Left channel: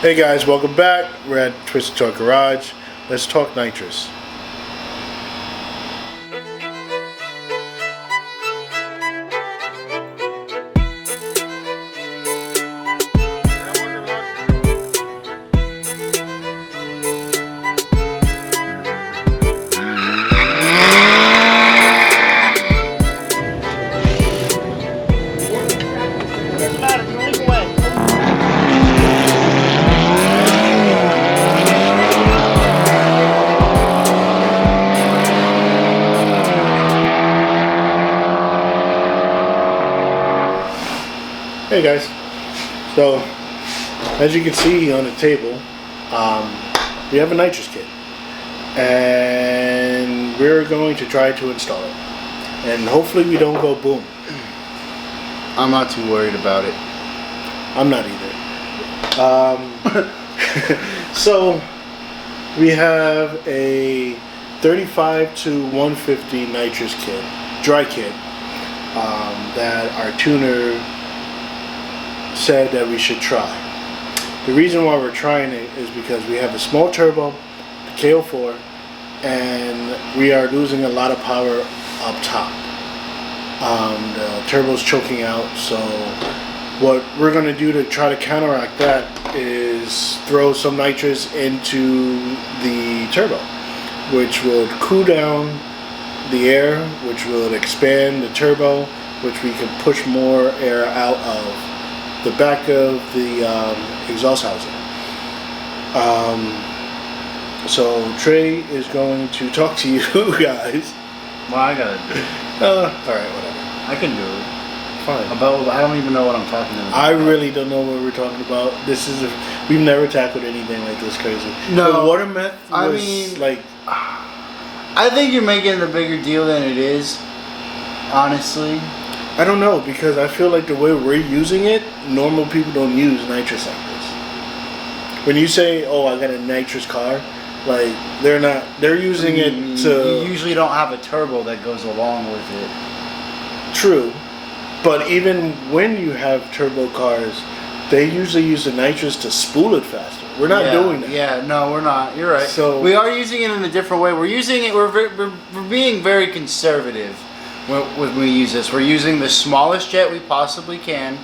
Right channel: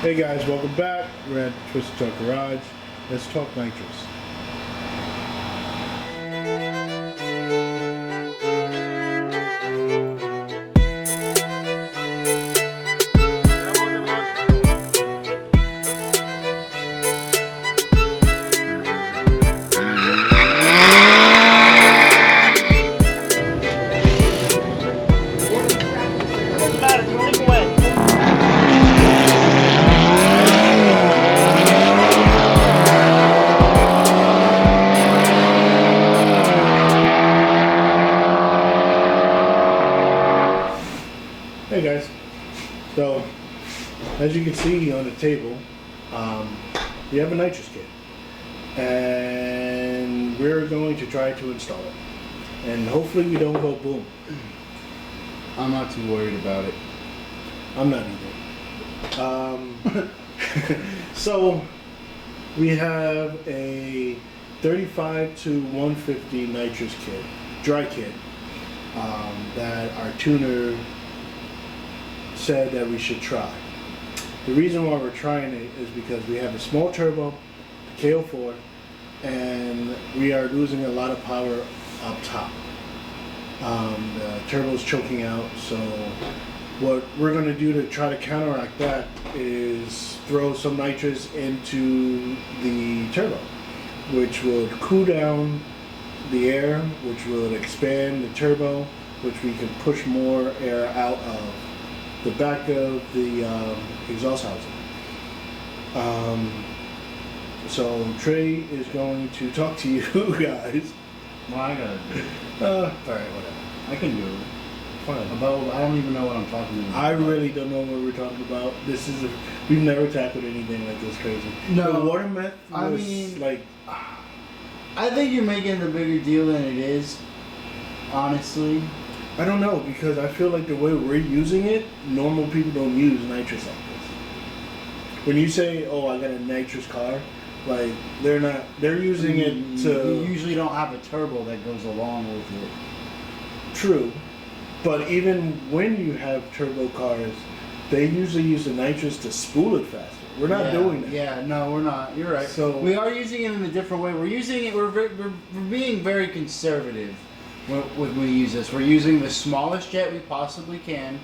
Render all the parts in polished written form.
Hey guys, welcome back. We're at Twisted Talk Garage. Let's talk nitrous. Hey guys, so as you can see on the table, we have a nitrous kit, and we're going to try to install it, and hopefully we don't go boom. I'm not too worried about it. I'm not either. So we have a 35 to 150 nitrous kit, dry kit, that our tuner said that we should try. The reason why we're trying it is because we have a small turbo, the KO4, and we are losing a lot of power up top. The turbo's choking out, so what we're going to do to try to counteract that is throw some nitrous into the turbo, which will cool down the air, which will expand the turbo, which we can push more air out of the back of the exhaust housing. So Trey is going to talk to you guys. Well, I gotta do it. Alright, whatever. I can do it. Fine. I don't even know what I'm talking about. I really don't know what we're talking about. We've never tackled anything like this crazy. No. The water meth was I mean, like... I think you're making it a bigger deal than it is, honestly. I don't know, because I feel like the way we're using it, normal people don't use nitrous like this. When you say, oh, I got a nitrous car, like, they're using it to... You usually don't have a turbo that goes along with it. True. But even when you have turbo cars, they usually use the nitrous to spool it faster. We're not doing that. Yeah, no, we're not. You're right. So we are using it in a different way. We're using it, we're being very conservative. When we use this, we're using the smallest jet we possibly can,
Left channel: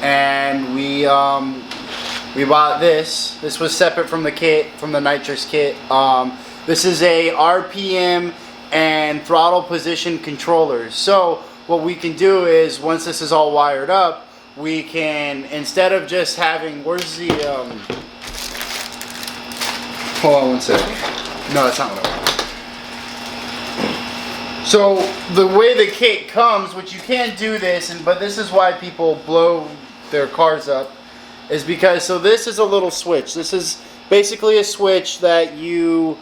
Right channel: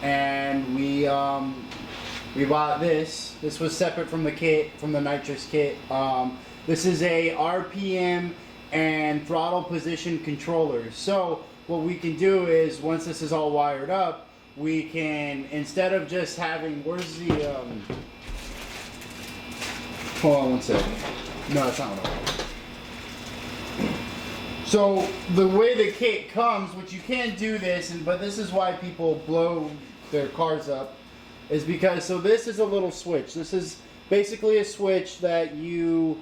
and we bought this. This was separate from the kit, from the nitrous kit. This is a RPM and throttle position controller. So what we can do is, once this is all wired up, we can, instead of just having, where's the hold on one second. No, that's not what I want. So the way the kit comes, which you can't do this, but this is why people blow their cars up, is because, so this is a little switch. This is basically a switch that you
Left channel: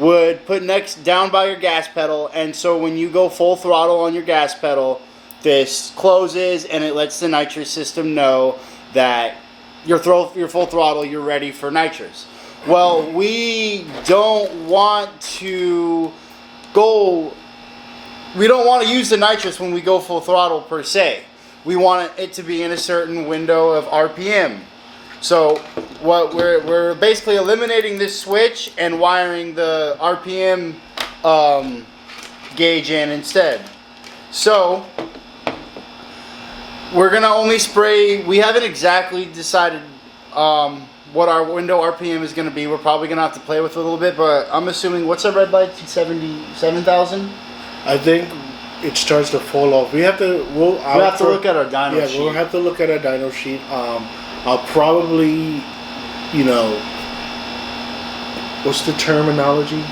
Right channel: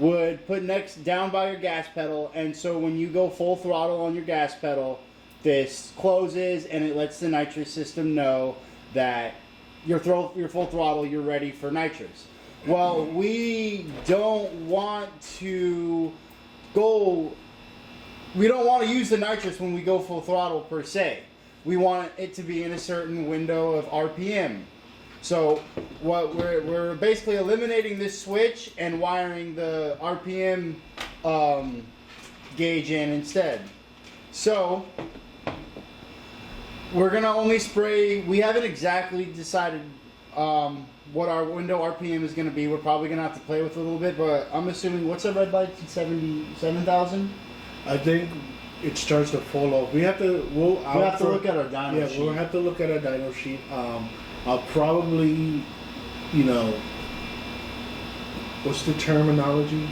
would put down by your gas pedal, and so when you go full throttle on your gas pedal, this closes and it lets the nitrous system know that you're full throttle, you're ready for nitrous. Well, we don't want to use the nitrous when we go full throttle per se. We want it to be in a certain window of RPM. So what we're basically eliminating this switch and wiring the RPM gauge in instead. So we're gonna only spray. We haven't exactly decided what our window RPM is gonna be. We're probably gonna have to play with it a little bit, but I'm assuming, what's our red light? 77,000. I think it starts to fall off. We'll have to look at our dyno sheet. Yeah, we'll have to look at our dyno sheet. I'll probably, what's the terminology?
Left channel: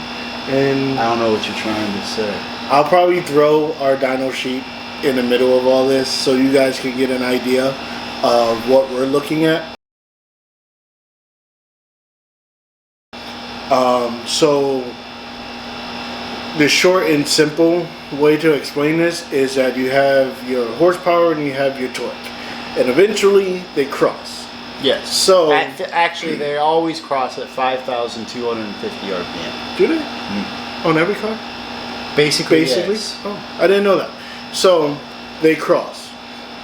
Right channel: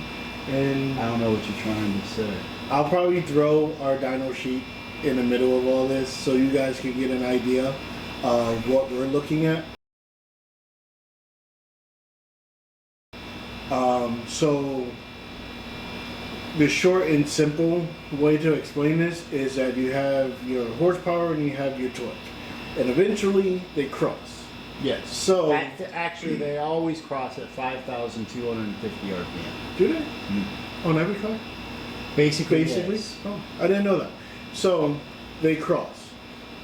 And I don't know what you're trying to say. I'll probably throw our dyno sheet in the middle of all this so you guys can get an idea of what we're looking at. So the short and simple way to explain this is that you have your horsepower and you have your torque, and eventually they cross. Yes. So actually, they always cross at 5,250 RPM. Do they? Mm-hmm. On every car? Basically. Yes. Oh, I didn't know that. So they cross.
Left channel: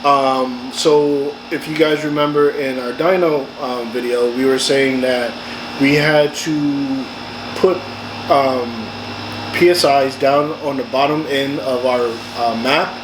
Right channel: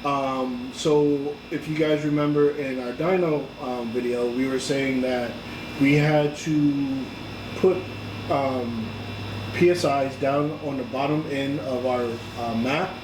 So if you guys remember in our dyno video, we were saying that we had to put PSIs down on the bottom end of our map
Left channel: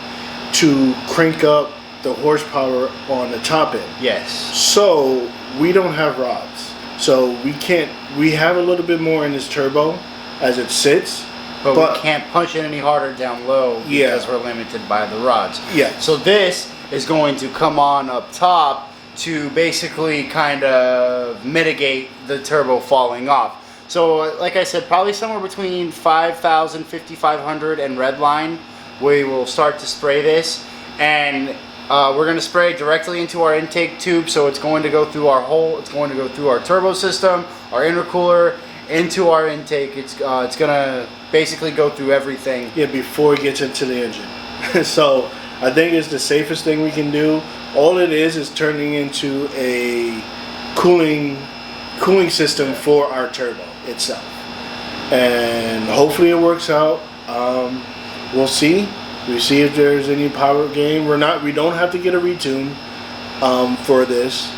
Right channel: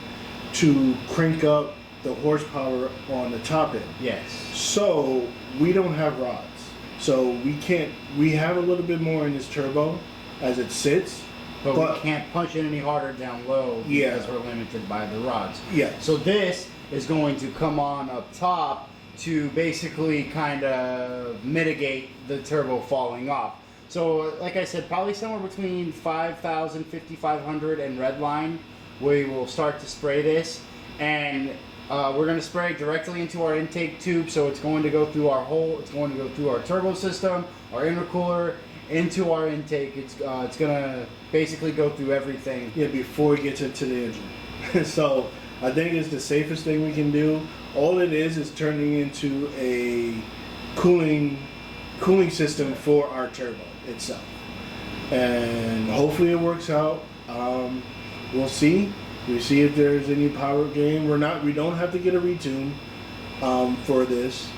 to crank up the horsepower on the top end. Yes. So we don't have rods, so we can't. We have a little bit more in this turbo as it sits, but we can't punch it any harder down low because we're limited by the rods. Yeah. So this is going to come on up top to basically kind of mitigate the turbo falling off. So like I said, probably somewhere between 5,000, 5,500 and redline, we will start to spray this. And we're going to spray it directly into our intake tube, so it's going to go through our hole, it's going to go through our turbo system, our intercooler, into our intake. It's going to basically go through everything. Yeah, before it gets into the engine. So I think it's the safest thing we can do. All it is turning into a cooling system for our turbo itself. And hopefully it works out. We'll see. We see if there's any power gain. We don't have to get a retune for this.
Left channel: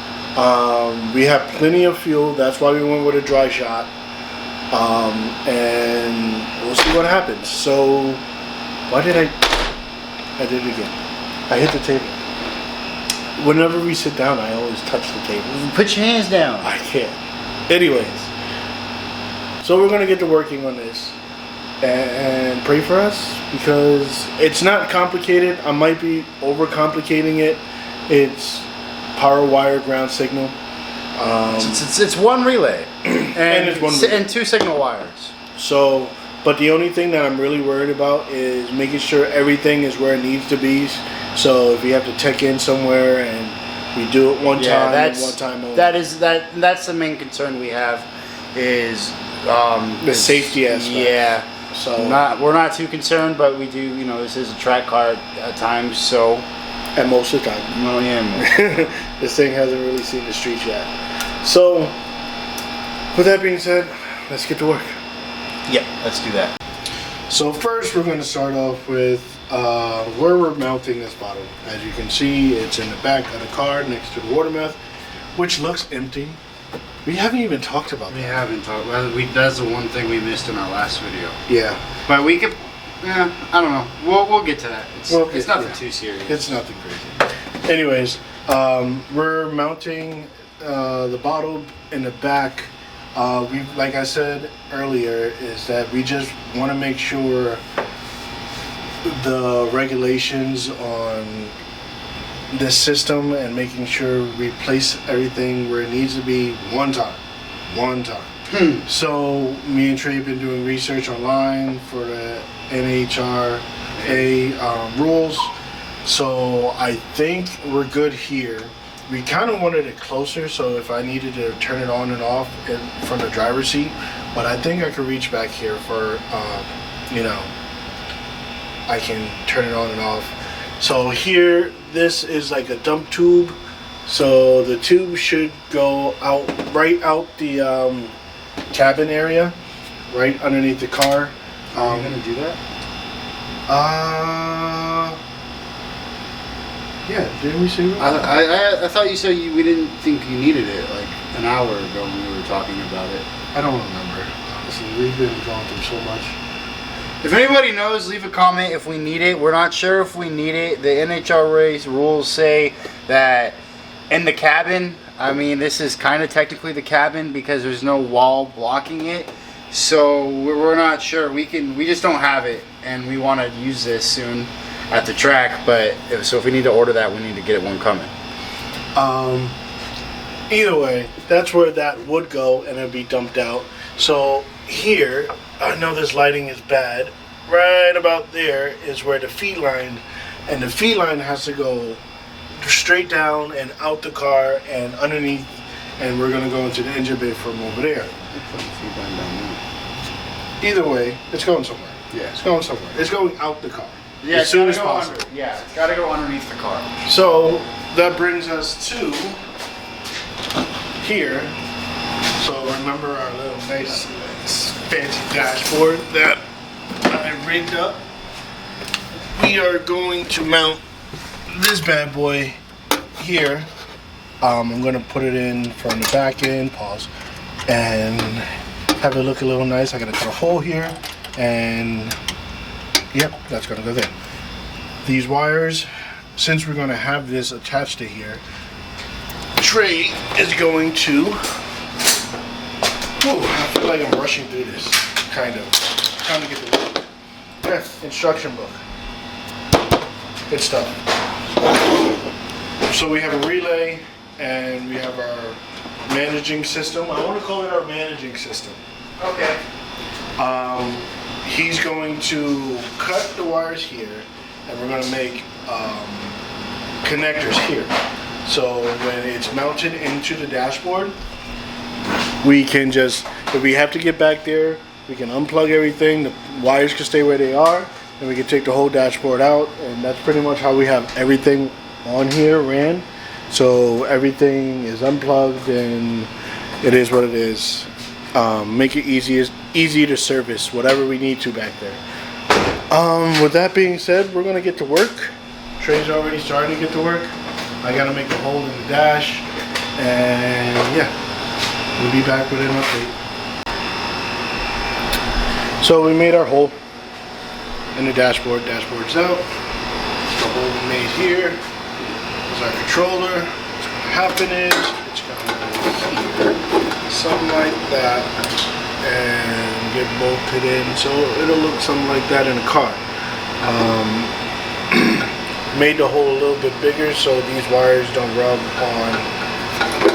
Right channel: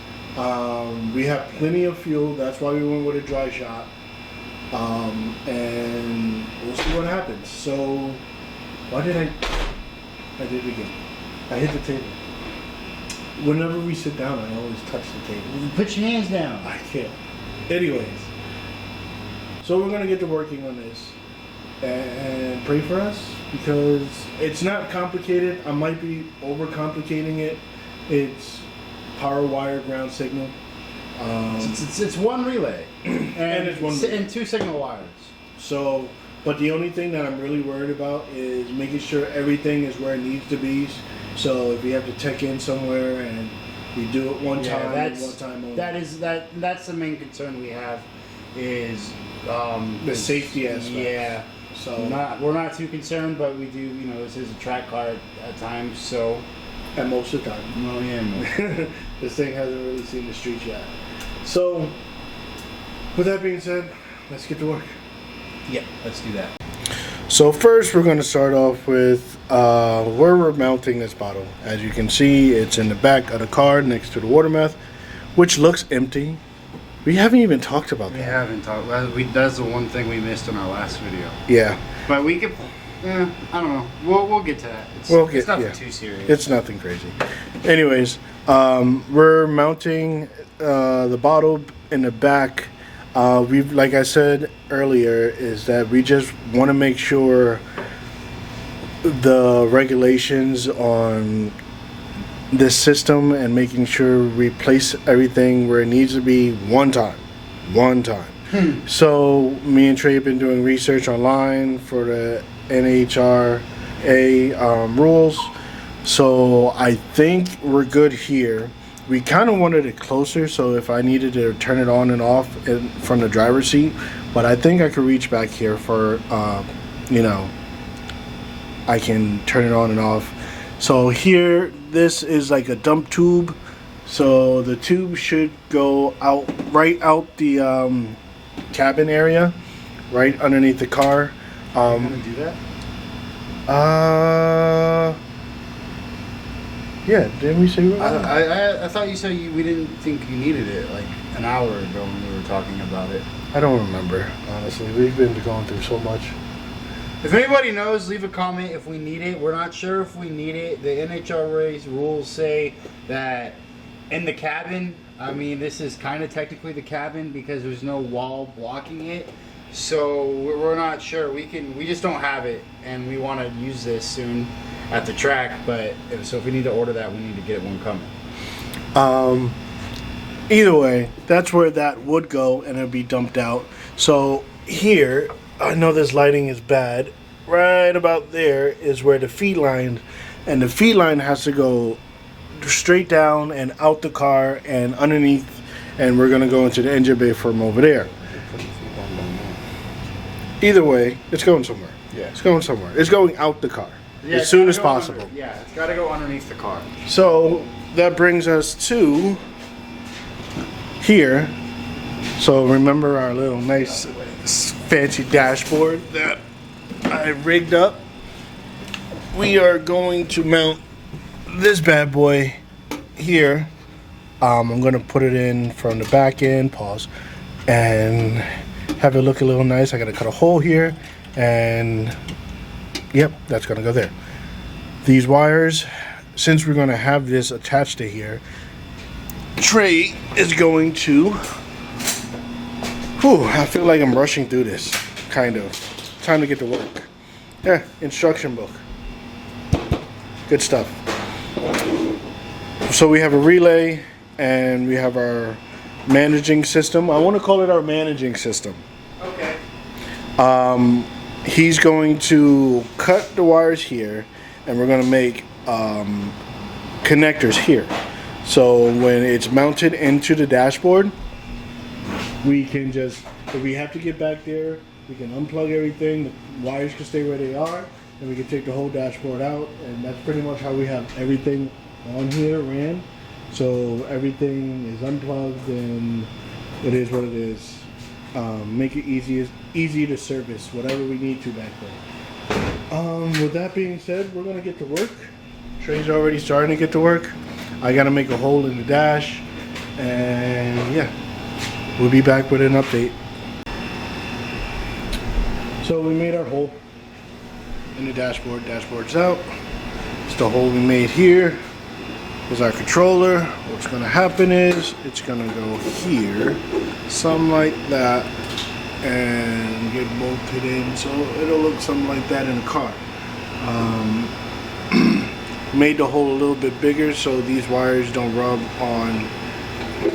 We have plenty of fuel. That's why we went with a dry shot. And we'll see what happens. So, why did I did it again. I hit the table. Whenever we sit down, I always touch the table. Put your hands down. I can't. Anyways, so we're gonna get to working on this and pray for us because it's not complicated. I might be overcomplicating it. It's power wire ground signal. It's one relay and it's one relay. and 2 signal wires. So, but the only thing that I'm really worried about is making sure everything is where it needs to be. So if we have to tech in somewhere and we do it one time and one time only. That's the main concern we have is the safety aspect. Yeah. So we're not too concerned, but we do. You know, this is a track car at times, so. And most of the time. Well, yeah. This thing hasn't really seen the streets yet. So, with that being said, let's get to work. Yep, let's do that. So first, we're going to start off with where we're mounting this bottle. As you can see, it's in the back of the car next to the water mouth, which looks empty. We haven't even talked about that. We haven't talked. Well, that's the one thing we missed in our last video. Yeah. But we could. Yeah, I don't know. We'll get to that. It's nothing too serious. It's nothing crazy. Anyways, we're mounting the bottle in the back. Like I said earlier, is that we just want to make sure the regulations on this system and making sure we place everything where it needs to be one time. So me and Trey have been doing research online for the NHRA rules. So I think we're good here. We kind of wanted it closer, so if I needed to turn it on and off from the driver's seat, but I think I could reach back here for, I can turn it on and off. So here, this is like a dump tube. So the tube should go right out the cabin area, right underneath the car. Are you gonna do that? Yeah, didn't we say that? I thought you said we didn't think you needed it like an hour ago when we were talking about it. I don't remember, honestly. We've been going through so much. If anybody knows, leave a comment if we need it. We're not sure if we need it. The NHRA rules say that in the cabin, I mean, this is kind of technically the cabin because there's no wall blocking it. So we're not sure. We just don't have it, and we want to use this soon at the track. But so if we need to order that, we need to get one coming. Either way, that's where that would go, and it'd be dumped out. So here, I know this lighting is bad. Right about there is where the feed line, and the feed line has to go straight down and out the car and underneath, and we're gonna go into the engine bay from over there. Either way, it's going somewhere. Yeah, it's going somewhere. It's going out the car as soon as possible. Yeah, it's got to go underneath the car. So that brings us to here. So remember our little nice fancy dashboard that I rigged up. We are going to mount this bad boy here, I'm gonna put it in from the back end, pause, and have it look a little nice. I gotta cut a hole here, and yep, that's gonna go there. These wires, since we're gonna have this attached to here, Trey is going to, I feel like I'm rushing through this, kind of. Time to get to work. Yeah, instruction book. Good stuff. So we have a relay and we have our managing system. I want to call it our managing system. Okay. He's going to cut the wires here and we're going to make connectors here. So when it's mounted into the dashboard, we can just, if we have to get back there, we can unplug everything, the wires can stay where they are, and we can take the whole dashboard out, and that's pretty much how we have everything on here ran. So everything is unplugged and it is what it is. Make it easy to service whatever we need to back there. With that being said, we're gonna get to work. Trey's already starting to get to work. I gotta make a hole in the dash, and yeah, we'll be back with an update. So we made our hole in the dashboard. Dashboard's out. It's the hole we made here. Is our controller. What's going to happen is it's going to go here, something like that, and get bolted in. So it'll look something like that in a car. Made the hole a little bit bigger so these wires don't rub on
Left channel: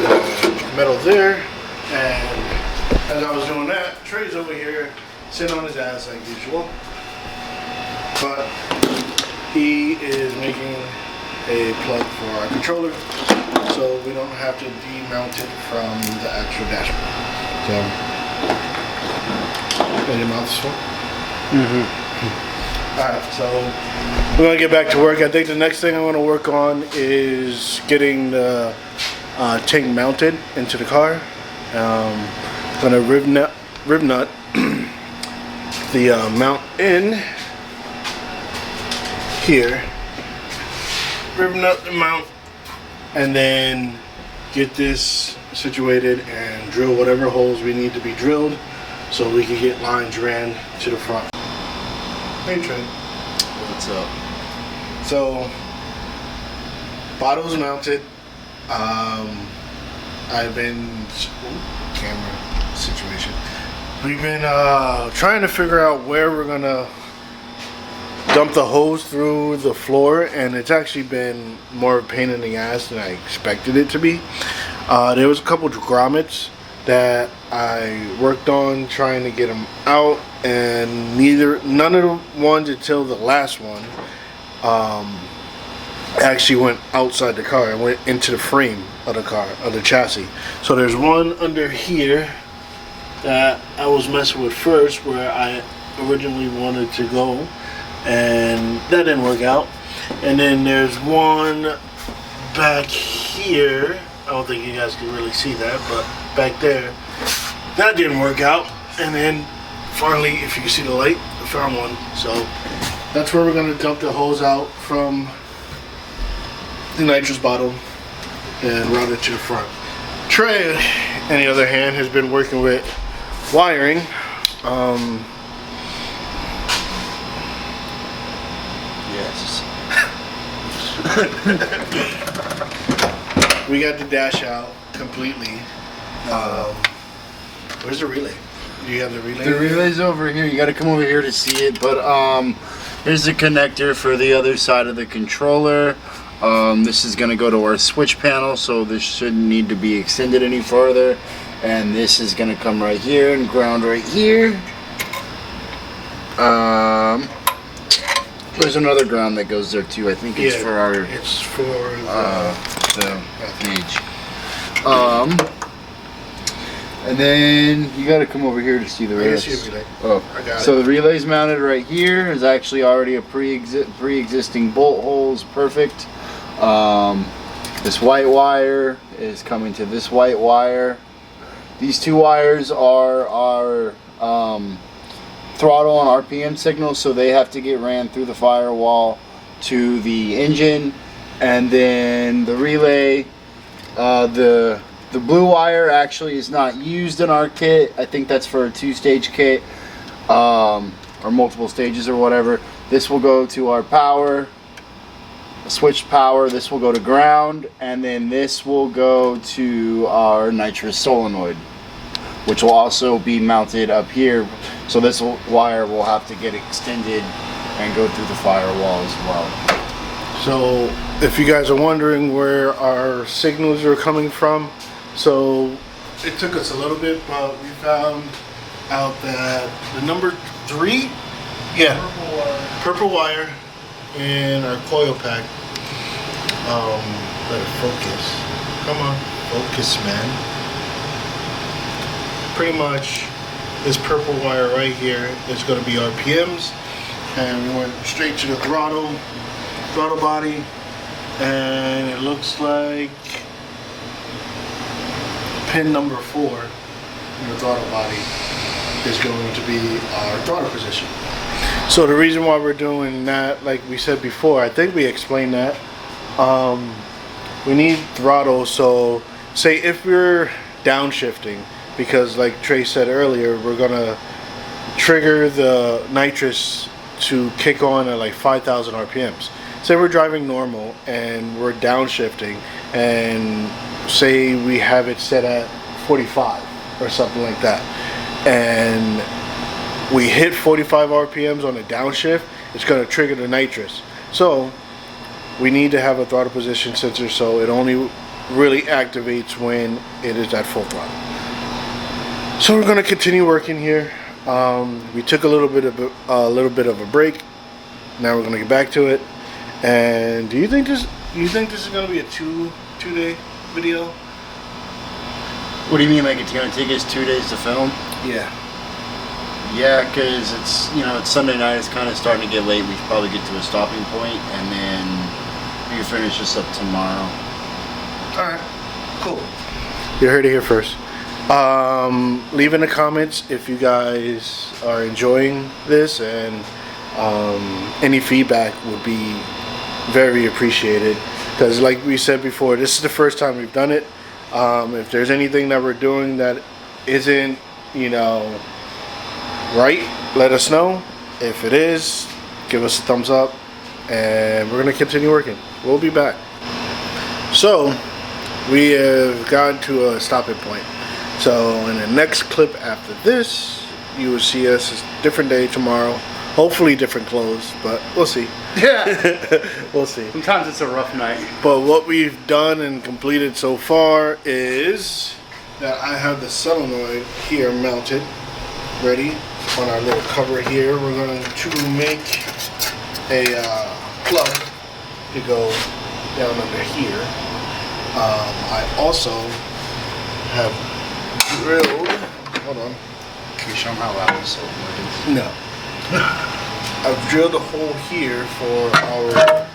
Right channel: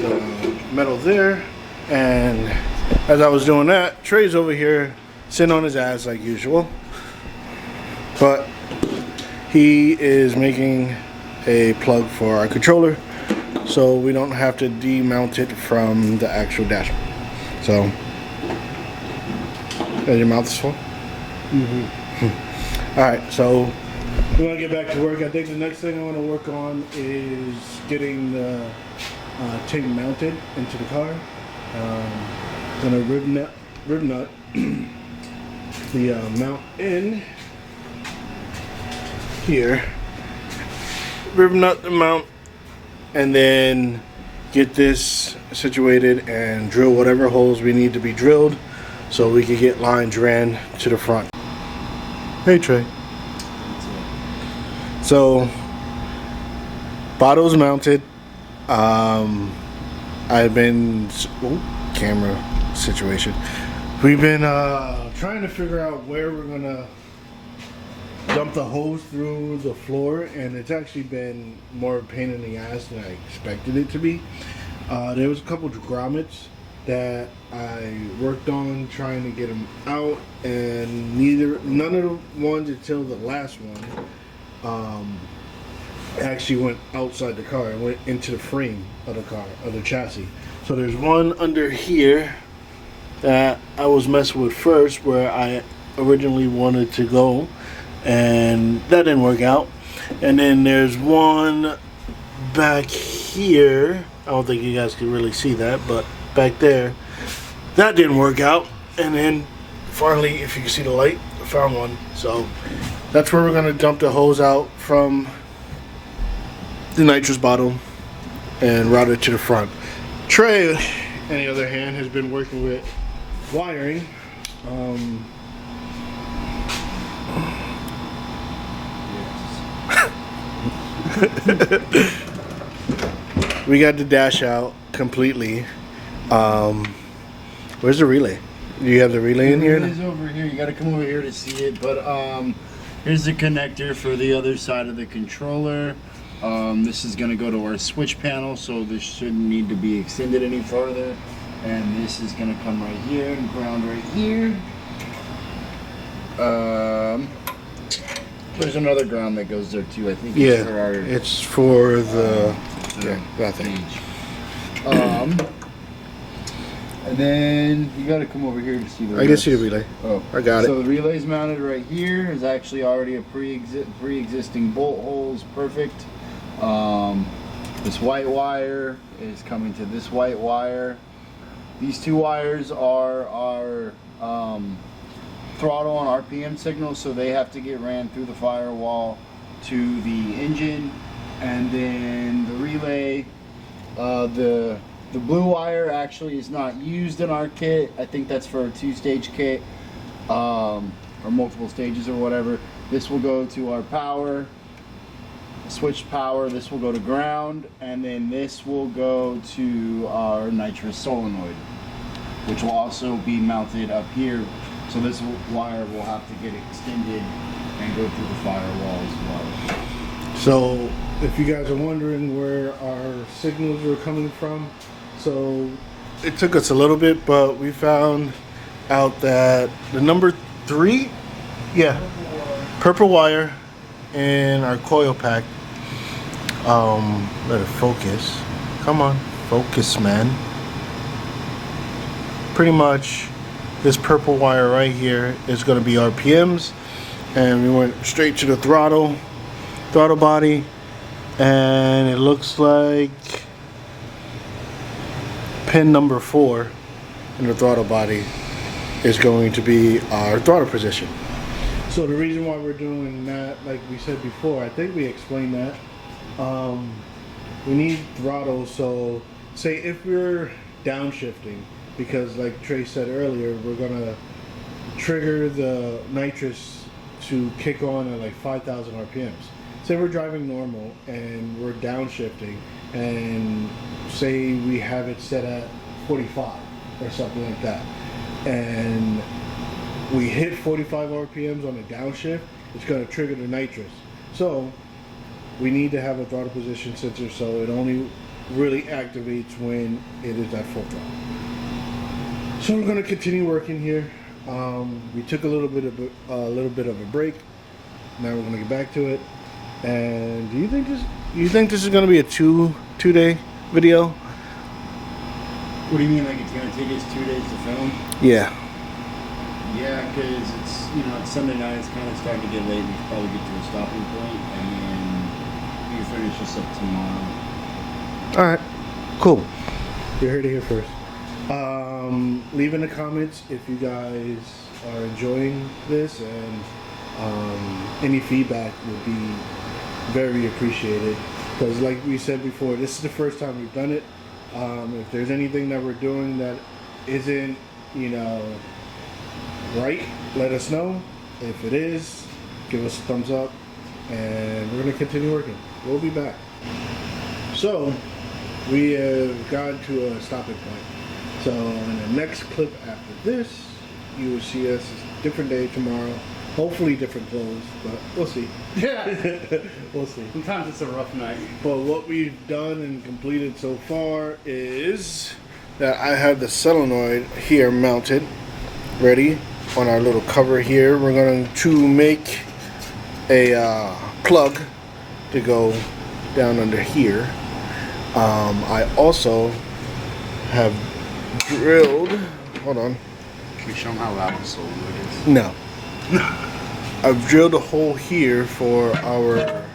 the metal there. And as I was doing that, Trey's over here sitting on his ass like usual. But he is making a plug for our controller so we don't have to demount it from the actual dashboard. So, your mouth is full? Mm-hmm. Alright, so we're going to get back to work. I think the next thing I want to work on is getting the tank mounted into the car. Going to rib nut the mount in here, rib nut the mount, and then get this situated and drill whatever holes we need to be drilled so we can get lines ran to the front. Hey Trey. What's up? So bottle's mounted. I've been camera situation. We've been trying to figure out where we're gonna dump the hose through the floor, and it's actually been more of a pain in the ass than I expected it to be. There was a couple of grommets that I worked on trying to get them out, and none of the ones until the last one actually went outside the car. It went into the frame of the car, of the chassis. So there's one under here that I was messing with first, where I originally wanted to go, and that didn't work out. And then there's one back here. I don't think you guys can really see that, but back there, that didn't work out. And then finally, if you can see the light, I found one. So that's where we're gonna dump the hose out from the nitrous bottle and route it to the front. Trey, on the other hand, has been working with wiring. Yes. We got the dash out completely. Where's the relay? Do you have the relay? The relay's over here. You got to come over here to see it. But here's the connector for the other side of the controller. This is going to go to our switch panel, so this shouldn't need to be extended any further. And this is going to come right here and ground right here. There's another ground that goes there too. I think it's for our. It's for the gauge. And then you got to come over here to see the relay. I can see the relay. Oh, I got it. So the relay's mounted right here. There's actually already a pre-existing bolt holes. Perfect. This white wire is coming to this white wire. These two wires are our throttle and RPM signals, so they have to get ran through the firewall to the engine. And then the relay, the blue wire actually is not used in our kit. I think that's for a 2-stage kit, or multiple stages or whatever. This will go to our power, switch power. This will go to ground, and then this will go to our nitrous solenoid, which will also be mounted up here. So this wire will have to get extended and go through the firewall as well. So if you guys are wondering where our signals are coming from, so it took us a little bit, but we found out that the number 3, purple wire in our coil pack, better focus, come on, focus, man. Pretty much this purple wire right here is going to be RPMs, and we went straight to the throttle body, and it looks like pin number 4 in the throttle body is going to be our throttle position. So the reason why we're doing that, like we said before, I think we explained that, we need throttle. So say if we're downshifting, because like Trey said earlier, we're gonna trigger the nitrous to kick on at like 5,000 RPMs. Say we're driving normal and we're downshifting, and say we have it set at 45 or something like that, and we hit 45 RPMs on a downshift, it's going to trigger the nitrous. So we need to have a throttle position sensor, so it only really activates when it is at full throttle. So we're going to continue working here. We took a little bit of a break. Now we're going to get back to it. And do you think this is going to be a two-day video? What do you mean, like it's going to take us 2 days to film? Yeah. Yeah, because it's Sunday night. It's kind of starting to get late. We should probably get to a stopping point, and then we can finish this up tomorrow. All right, cool. You heard it here first. Leave in the comments if you guys are enjoying this, and any feedback would be very appreciated, because like we said before, this is the first time we've done it. If there's anything that we're doing that isn't right, let us know. If it is, give us a thumbs up, and we're gonna continue working. We'll be back. So we have gotten to a stopping point. So in the next clip after this, you will see us a different day tomorrow. Hopefully different clothes, but we'll see. Yeah. We'll see. Sometimes it's a rough night. But what we've done and completed so far is that I have the solenoid here mounted, ready on our little cover here. We're going to make a plug to go down under here. I also have drilled, hold on. Can you show them how loud this solenoid is? No. I've drilled a hole here for our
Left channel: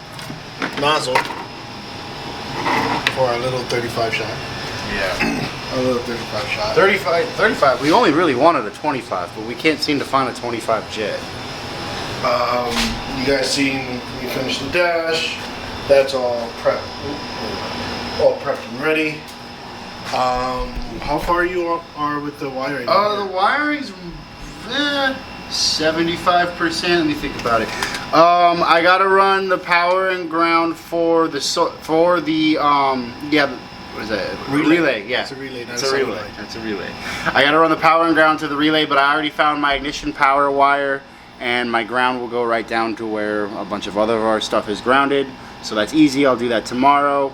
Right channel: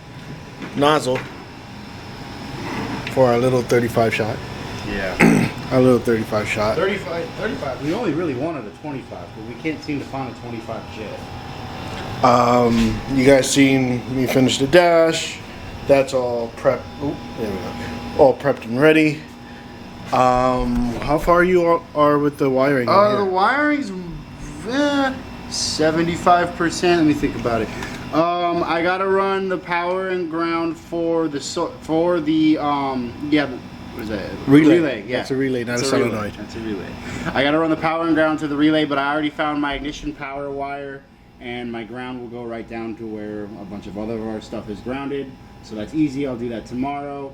nozzle for our little 35 shot. Yeah. Our little 35 shot. 35. We only really wanted a 25, but we can't seem to find a 25 jet. You guys seen me finish the dash. That's all prepped and ready. How far you are with the wiring? The wiring's 75%. Let me think about it. I gotta run the power and ground for the what is that? Relay. Yeah, it's a relay, not a relay. solenoid. That's a relay. I gotta run the power and ground to the relay, but I already found my ignition power wire, and my ground will go right down to where a bunch of other of our stuff is grounded. So that's easy. I'll do that tomorrow.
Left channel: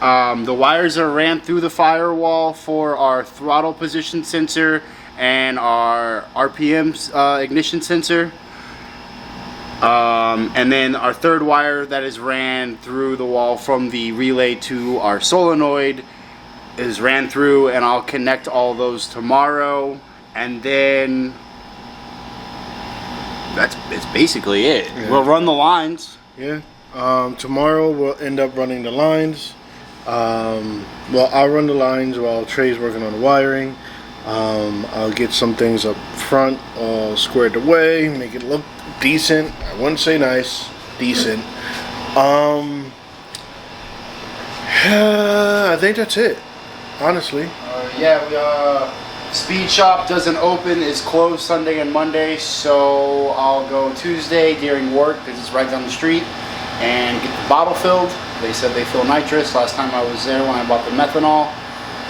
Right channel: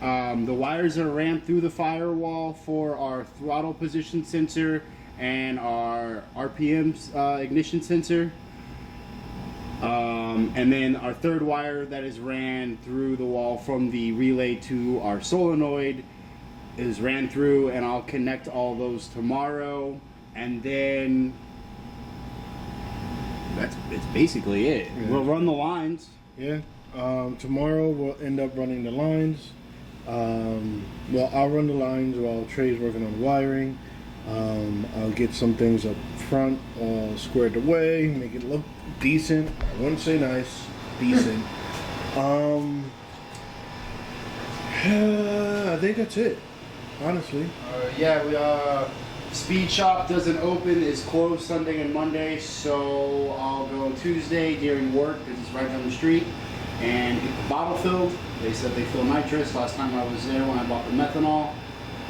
The wires are ran through the firewall for our throttle position sensor and our RPM ignition sensor. And then our third wire that is ran through the wall from the relay to our solenoid is ran through, and I'll connect all those tomorrow, and then that's basically it. Yeah. We'll run the lines. Yeah. Tomorrow we'll end up running the lines. Well, I'll run the lines while Trey's working on the wiring. I'll get some things up front all squared away, make it look decent. I wouldn't say nice, decent. I think that's it, honestly. Yeah, Speed Shop doesn't open, is closed Sunday and Monday, so I'll go Tuesday during work because it's right down the street and get the bottle filled. They said they fill nitrous last time I was there when I bought the methanol,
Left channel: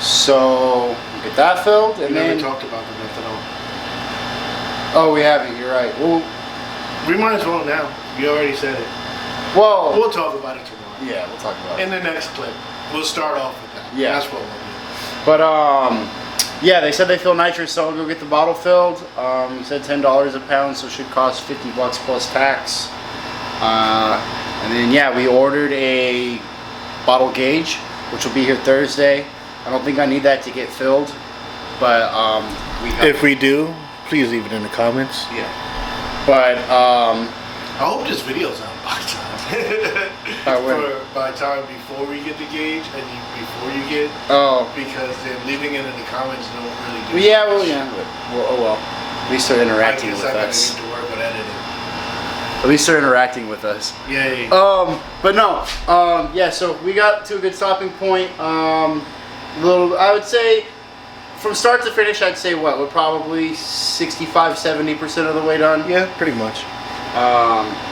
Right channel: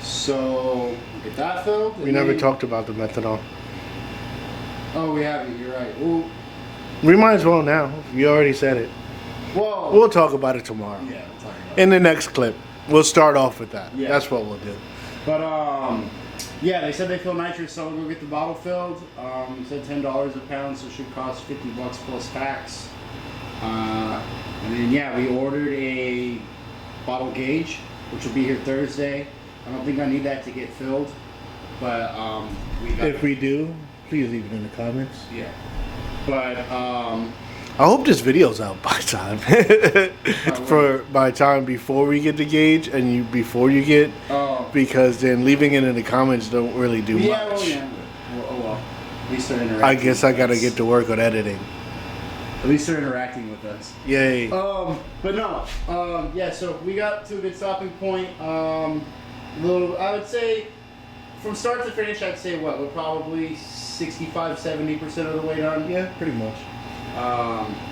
so get that filled. We never talked about the methanol. Oh, we haven't. You're right. Well, we might as well now. You already said it. Well, we'll talk about it tomorrow. Yeah, we'll talk about it in the next clip. We'll start off with that. Yeah, that's what we'll do. But yeah, they said they fill nitrous, so I'll go get the bottle filled. He said $10 a pound, so it should cost $50 plus tax. And then yeah, we ordered a bottle gauge, which will be here Thursday. I don't think I need that to get filled, but if we do, please leave it in the comments. Yeah. But I hope this video's out by time. by time before we get the gauge and before you get. Oh. Because then leaving it in the comments don't really do much. Yeah, well, yeah. Well, at least they're interacting. I guess I gotta get to work on editing. At least they're interacting with us. Yay. But no. Yeah. So we got to a good stopping point. I would say, from start to finish, I'd say what? We're probably 65-70% of the way done. Yeah, pretty much.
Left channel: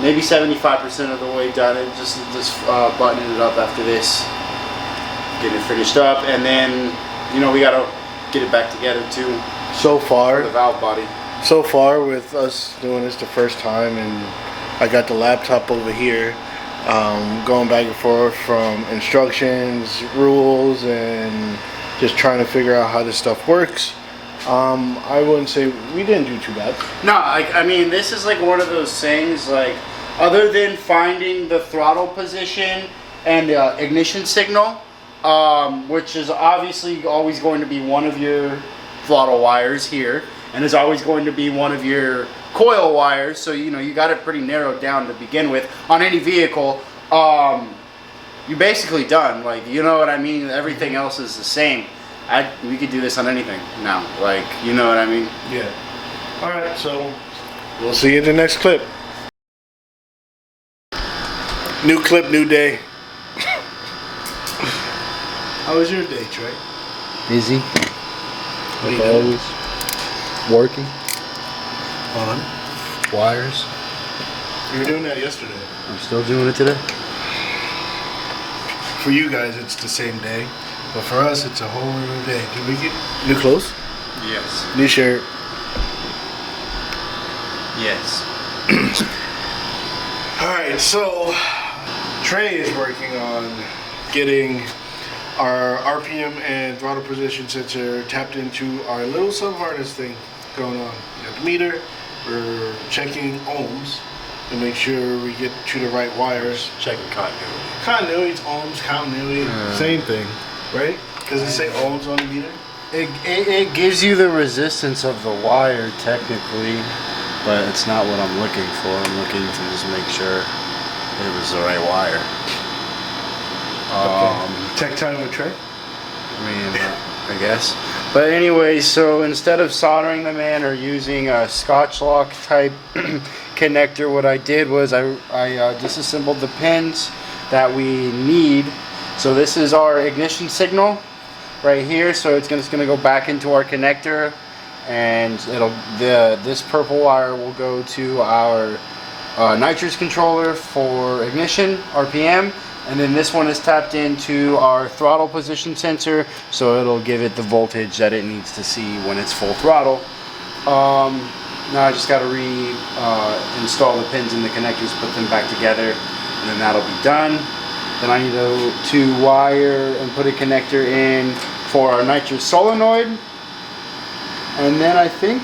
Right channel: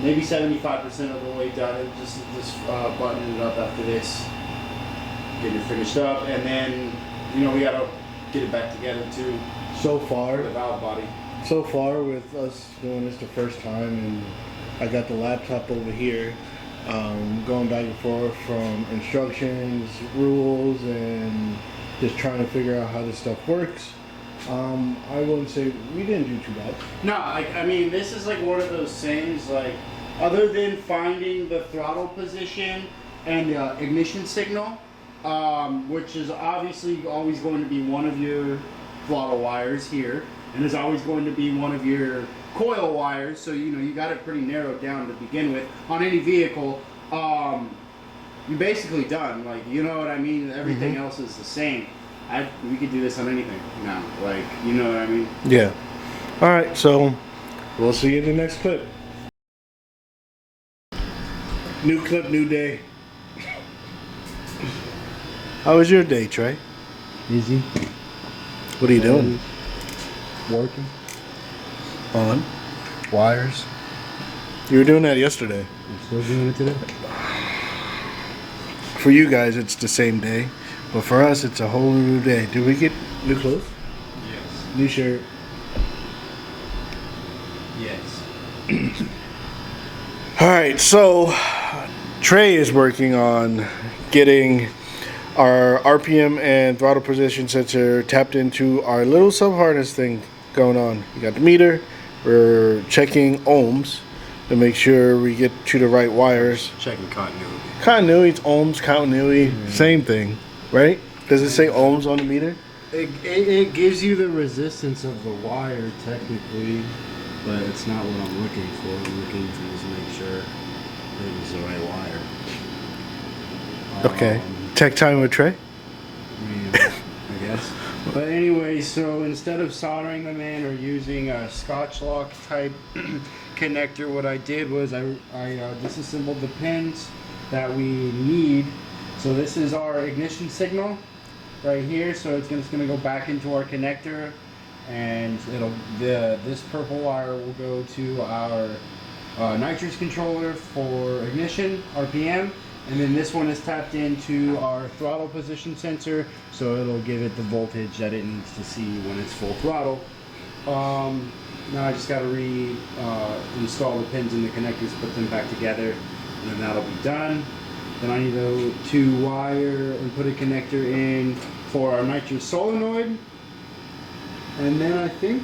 Maybe 75% of the way done. It just buttoning it up after this, getting it finished up, and then we gotta get it back together too. So far, the valve body. So far, with us doing this the first time, and I got the laptop over here, going back and forth from instructions, rules, and just trying to figure out how this stuff works. I wouldn't say we didn't do too bad. No, I mean, this is like one of those things, like, other than finding the throttle position and the ignition signal, which is obviously always going to be one of your throttle wires here, and is always going to be one of your coil wires, so you got it pretty narrowed down to begin with on any vehicle. You're basically done, like, you know what I mean? Everything else is the same. We could do this on anything now, like, you know what I mean? Yeah. All right, so we'll see you in the next clip. New clip, new day. How was your day, Trey? Busy. What are you doing? Working. On? Wires. You were doing that yesterday. I'm still doing it today. For you guys, it's the same day. But for us, it's a whole new day. Did we get new clothes? Yes. New shirt? Yes. Alright, so Trey is working on getting our RPM and throttle position sensor tapped into our little sub-harness thing going on. We got the meter. We're checking ohms to make sure we get to the right wires. Checking continuity. Continuity, it's ohms, continuity, same thing. Right? Does it say ohms on the meter? It gives you the resistance of the wire technically, but it's not what I'm looking for. I'm looking to just make sure it was the right wire. Okay. Tech time with Trey? I mean, I guess. But anyway, so instead of soldering them in or using a Scotch lock type connector, what I did was I disassembled the pins that we need. So this is our ignition signal right here. So it's gonna go back into our connector, and this purple wire will go to our nitrous controller for ignition RPM, and then this one is tapped into our throttle position sensor, so it'll give it the voltage that it needs to see when it's full throttle. Now I just got to install the pins in the connectors, put them back together, and then that'll be done. Then I need to wire and put a connector in for our nitrous solenoid. And then I think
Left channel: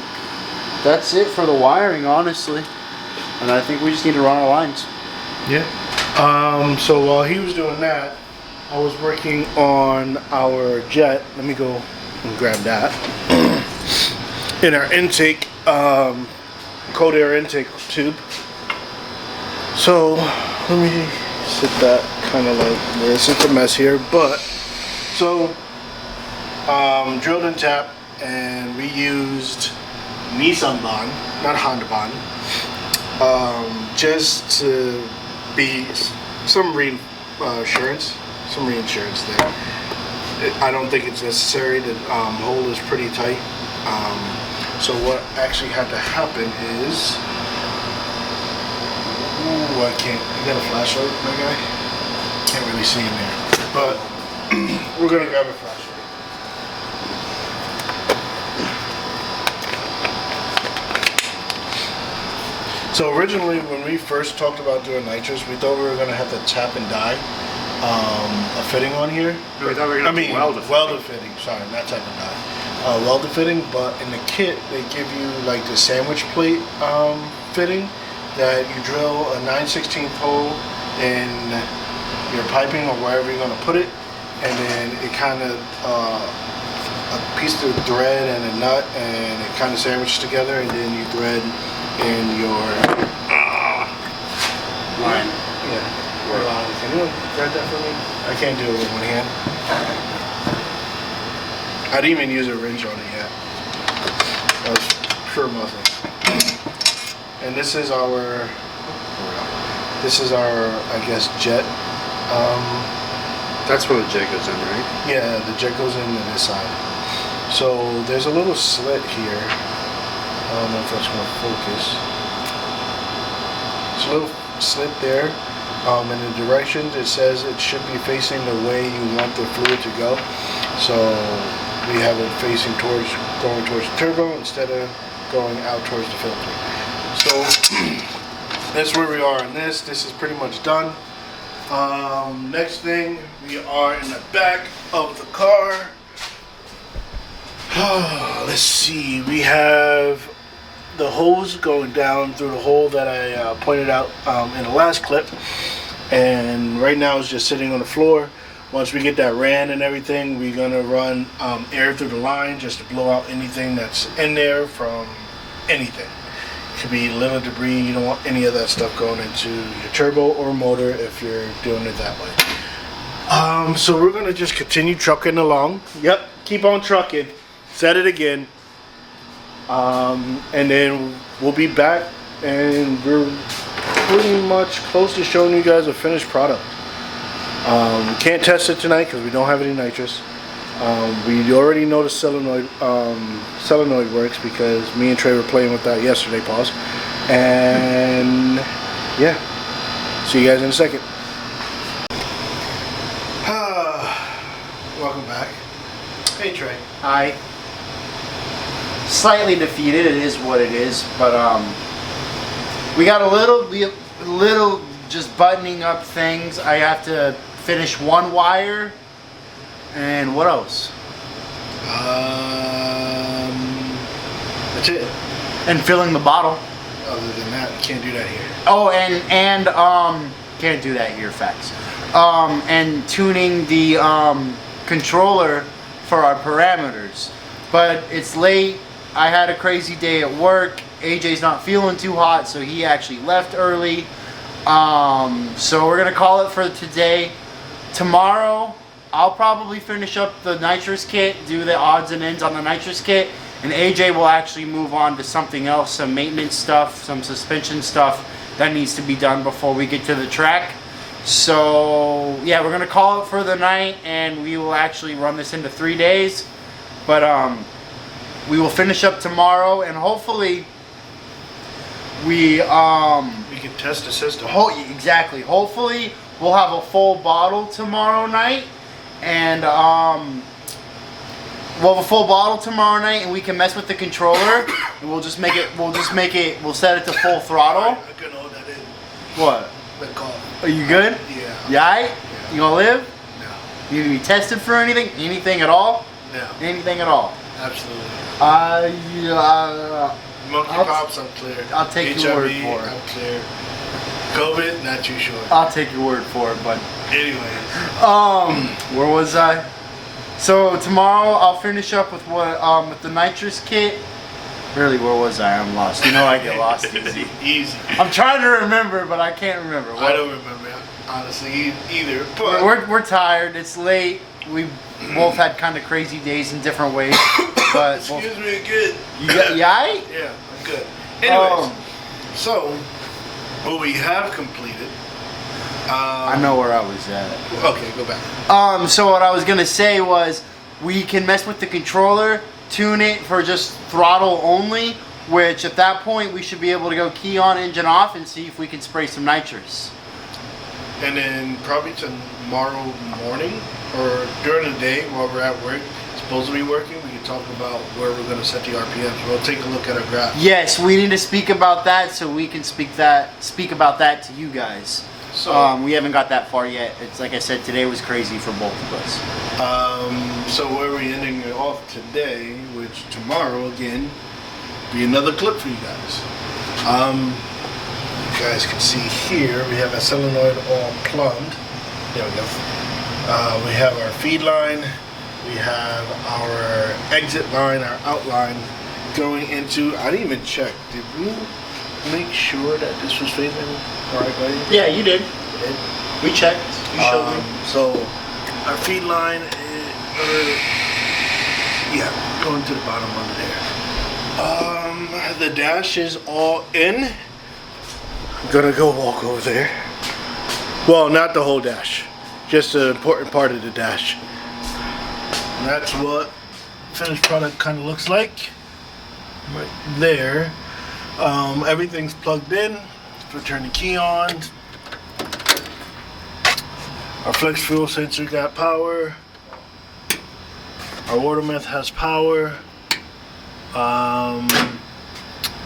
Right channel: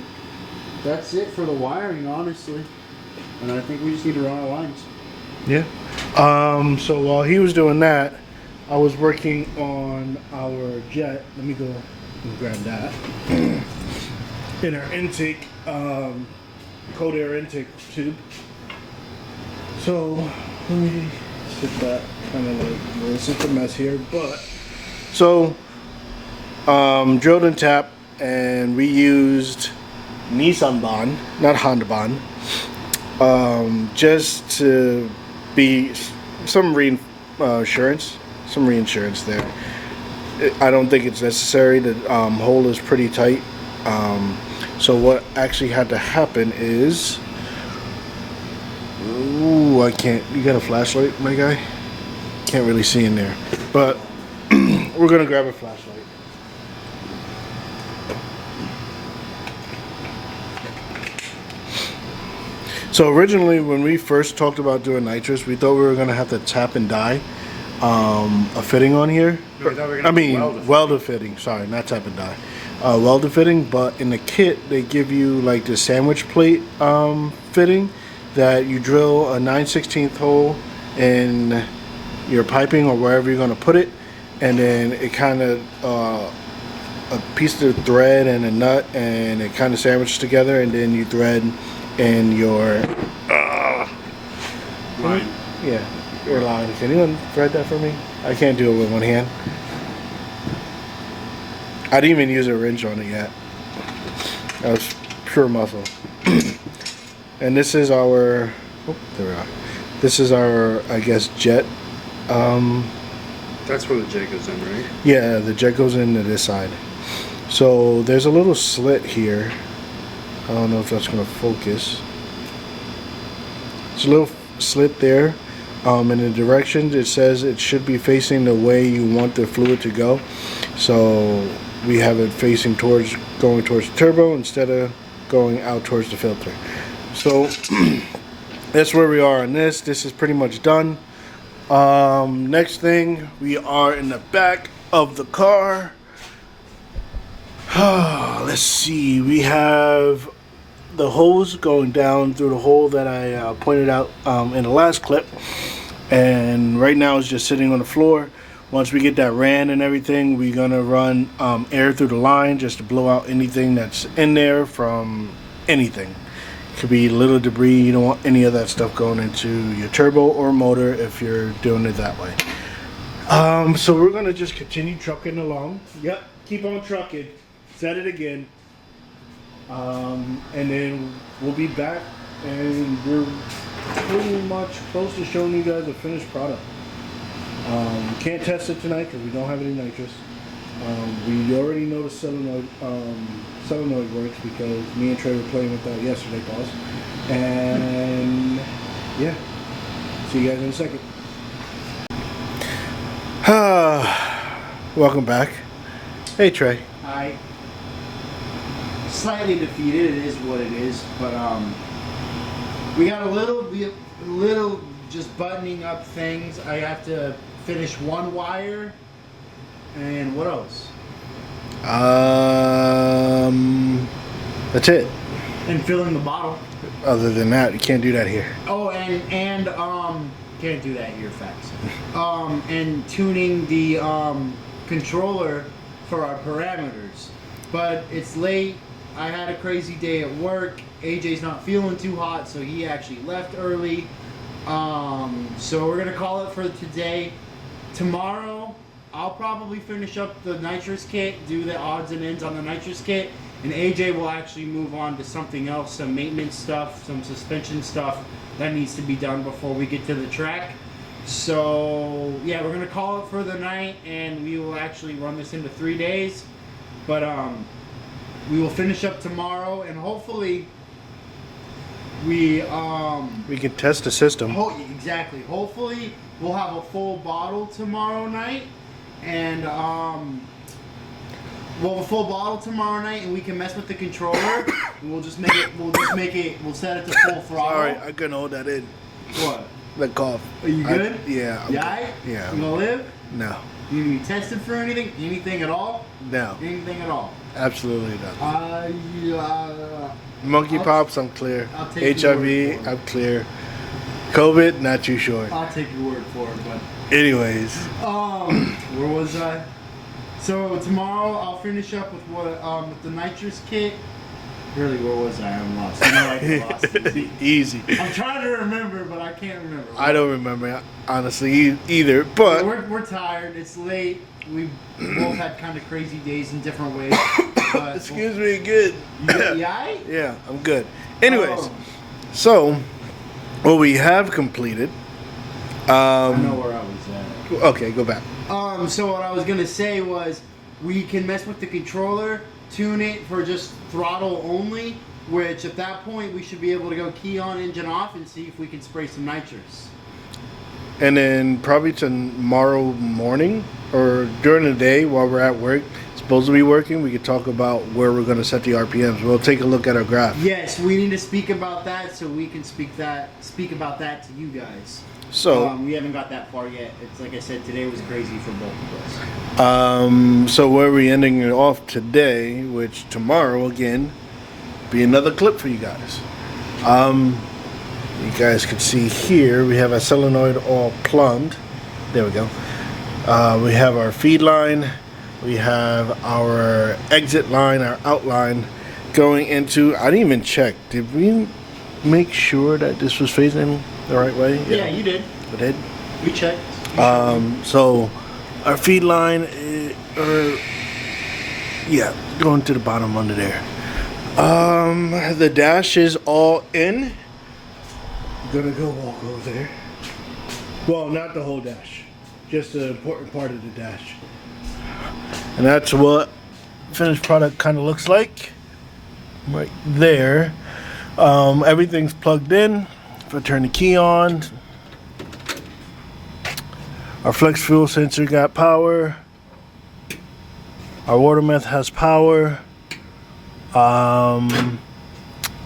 that's it for the wiring, honestly. And I think we just need to run our lines. Yeah. So while he was doing that, I was working on our jet. Let me go and grab that. In our intake, cold air intake tube. So let me sit that kind of like this. It's a mess here, but so drilled and tapped, and we used Nissan bond, not Honda bond, just to be some reassurance, some reinsurance there. I don't think it's necessary. The hole is pretty tight. So what actually had to happen is, ooh, I can't. You got a flashlight, my guy? Can't really see in there, but we're gonna grab a flashlight. So originally, when we first talked about doing nitrous, we thought we were gonna have to tap and die a fitting on here. No, we thought we were gonna weld a fitting. Sorry, not tap and die. Weld a fitting, but in the kit they give you like the sandwich plate fitting that you drill a 9/16 hole in your piping or wherever you're gonna put it, and then it kind of a piece of thread and a nut, and it kind of sandwiches together, and then you thread in your line. Yeah, your line. Can anyone thread that for me? I can't do it with one hand. I didn't even use a wrench on it yet. That was pure muscle. And this is our, I guess, jet. That's where the jet goes in, right? Yeah, the jet goes into this side. So there's a little slit here. I don't know if that's going to focus. There's a little slit there. In the directions, it says it should be facing the way you want the fluid to go. So we have it facing towards, going towards the turbo instead of going out towards the filter. So that's where we are on this. This is pretty much done. Next thing, we are in the back of the car. Let's see, we have the hose going down through the hole that I pointed out in the last clip, and right now it's just sitting on the floor. Once we get that ran and everything, we're gonna run air through the line just to blow out anything that's in there from anything. Could be little debris. You don't want any of that stuff going into your turbo or motor if you're doing it that way. So we're gonna just continue trucking along. Yep, keep on trucking. Set it again. And then we'll be back, and we're pretty much close to showing you guys a finished product. Can't test it tonight because we don't have any nitrous. We already know the solenoid works because me and Trey were playing with that yesterday, pause. And yeah, see you guys in a second. Welcome back. Hey Trey. Hi. Slightly defeated, it is what it is, but we got a little just buttoning up things. I have to finish one wire, and what else? That's it. And filling the bottle. Other than that, you can't do that here. Oh, and can't do that here, facts. And tuning the controller for our parameters. But it's late. I had a crazy day at work. AJ's not feeling too hot, so he actually left early. So we're gonna call it for today. Tomorrow, I'll probably finish up the nitrous kit, do the odds and ends on the nitrous kit, and AJ will actually move on to something else, some maintenance stuff, some suspension stuff that needs to be done before we get to the track. So yeah, we're gonna call it for the night, and we will actually run this into 3 days. But we will finish up tomorrow, and hopefully we can test the system. Exactly. Hopefully we'll have a full bottle tomorrow night, and we'll have a full bottle tomorrow night, and we can mess with the controller. And we'll set it to full throttle. Alright, I couldn't hold that in. What? Let go. Are you good? Yeah. You alright? Yeah. You gonna live? No. You need to be tested for anything? Anything at all? No. Anything at all? Absolutely not. Monkeypox, I'm clear. I'll take your word HIV, for it. I'm clear. COVID, not too sure. I'll take your word for it, but anyways. Where was I? So tomorrow I'll finish up with with the nitrous kit. Really, where was I? I'm lost. You know I get lost easy. Easy. I'm trying to remember, but I can't remember. I don't remember, honestly, either. But we're tired. It's late. We both had kind of crazy days in different ways. But excuse me, good. You alright? Yeah, I'm good. Anyways, so what we have completed I know where I was at. Okay, go back. So what I was gonna say was, we can mess with the controller, tune it for just throttle only, which at that point we should be able to go key on, engine off, and see if we can spray some nitrous. And then probably tomorrow morning or during the day while we're at work, supposed to be working, we could talk about where we're going to set the RPMs. We'll take a look at our graph. Yes, we need to speak about that so we can speak about that to you guys. So we haven't got that far yet. It's like I said, today was crazy for both of us. So where we ending it off today, which tomorrow again be another clip for you guys. You guys can see here we have a solenoid all plumbed. There we go. We have our feed line, we have our exit line, our outline going into. I didn't even check. Did we make sure that this was facing the right way? Yeah, you did. We did. We checked. So our feed line, going to the bottom under there. The dash is all in. I'm gonna go walk over there. Well, not the whole dash, just the important part of the dash. And that's what finished product kind of looks like right there. Everything's plugged in. If I turn the key on, our flex fuel sensor got power. Our water meth has power.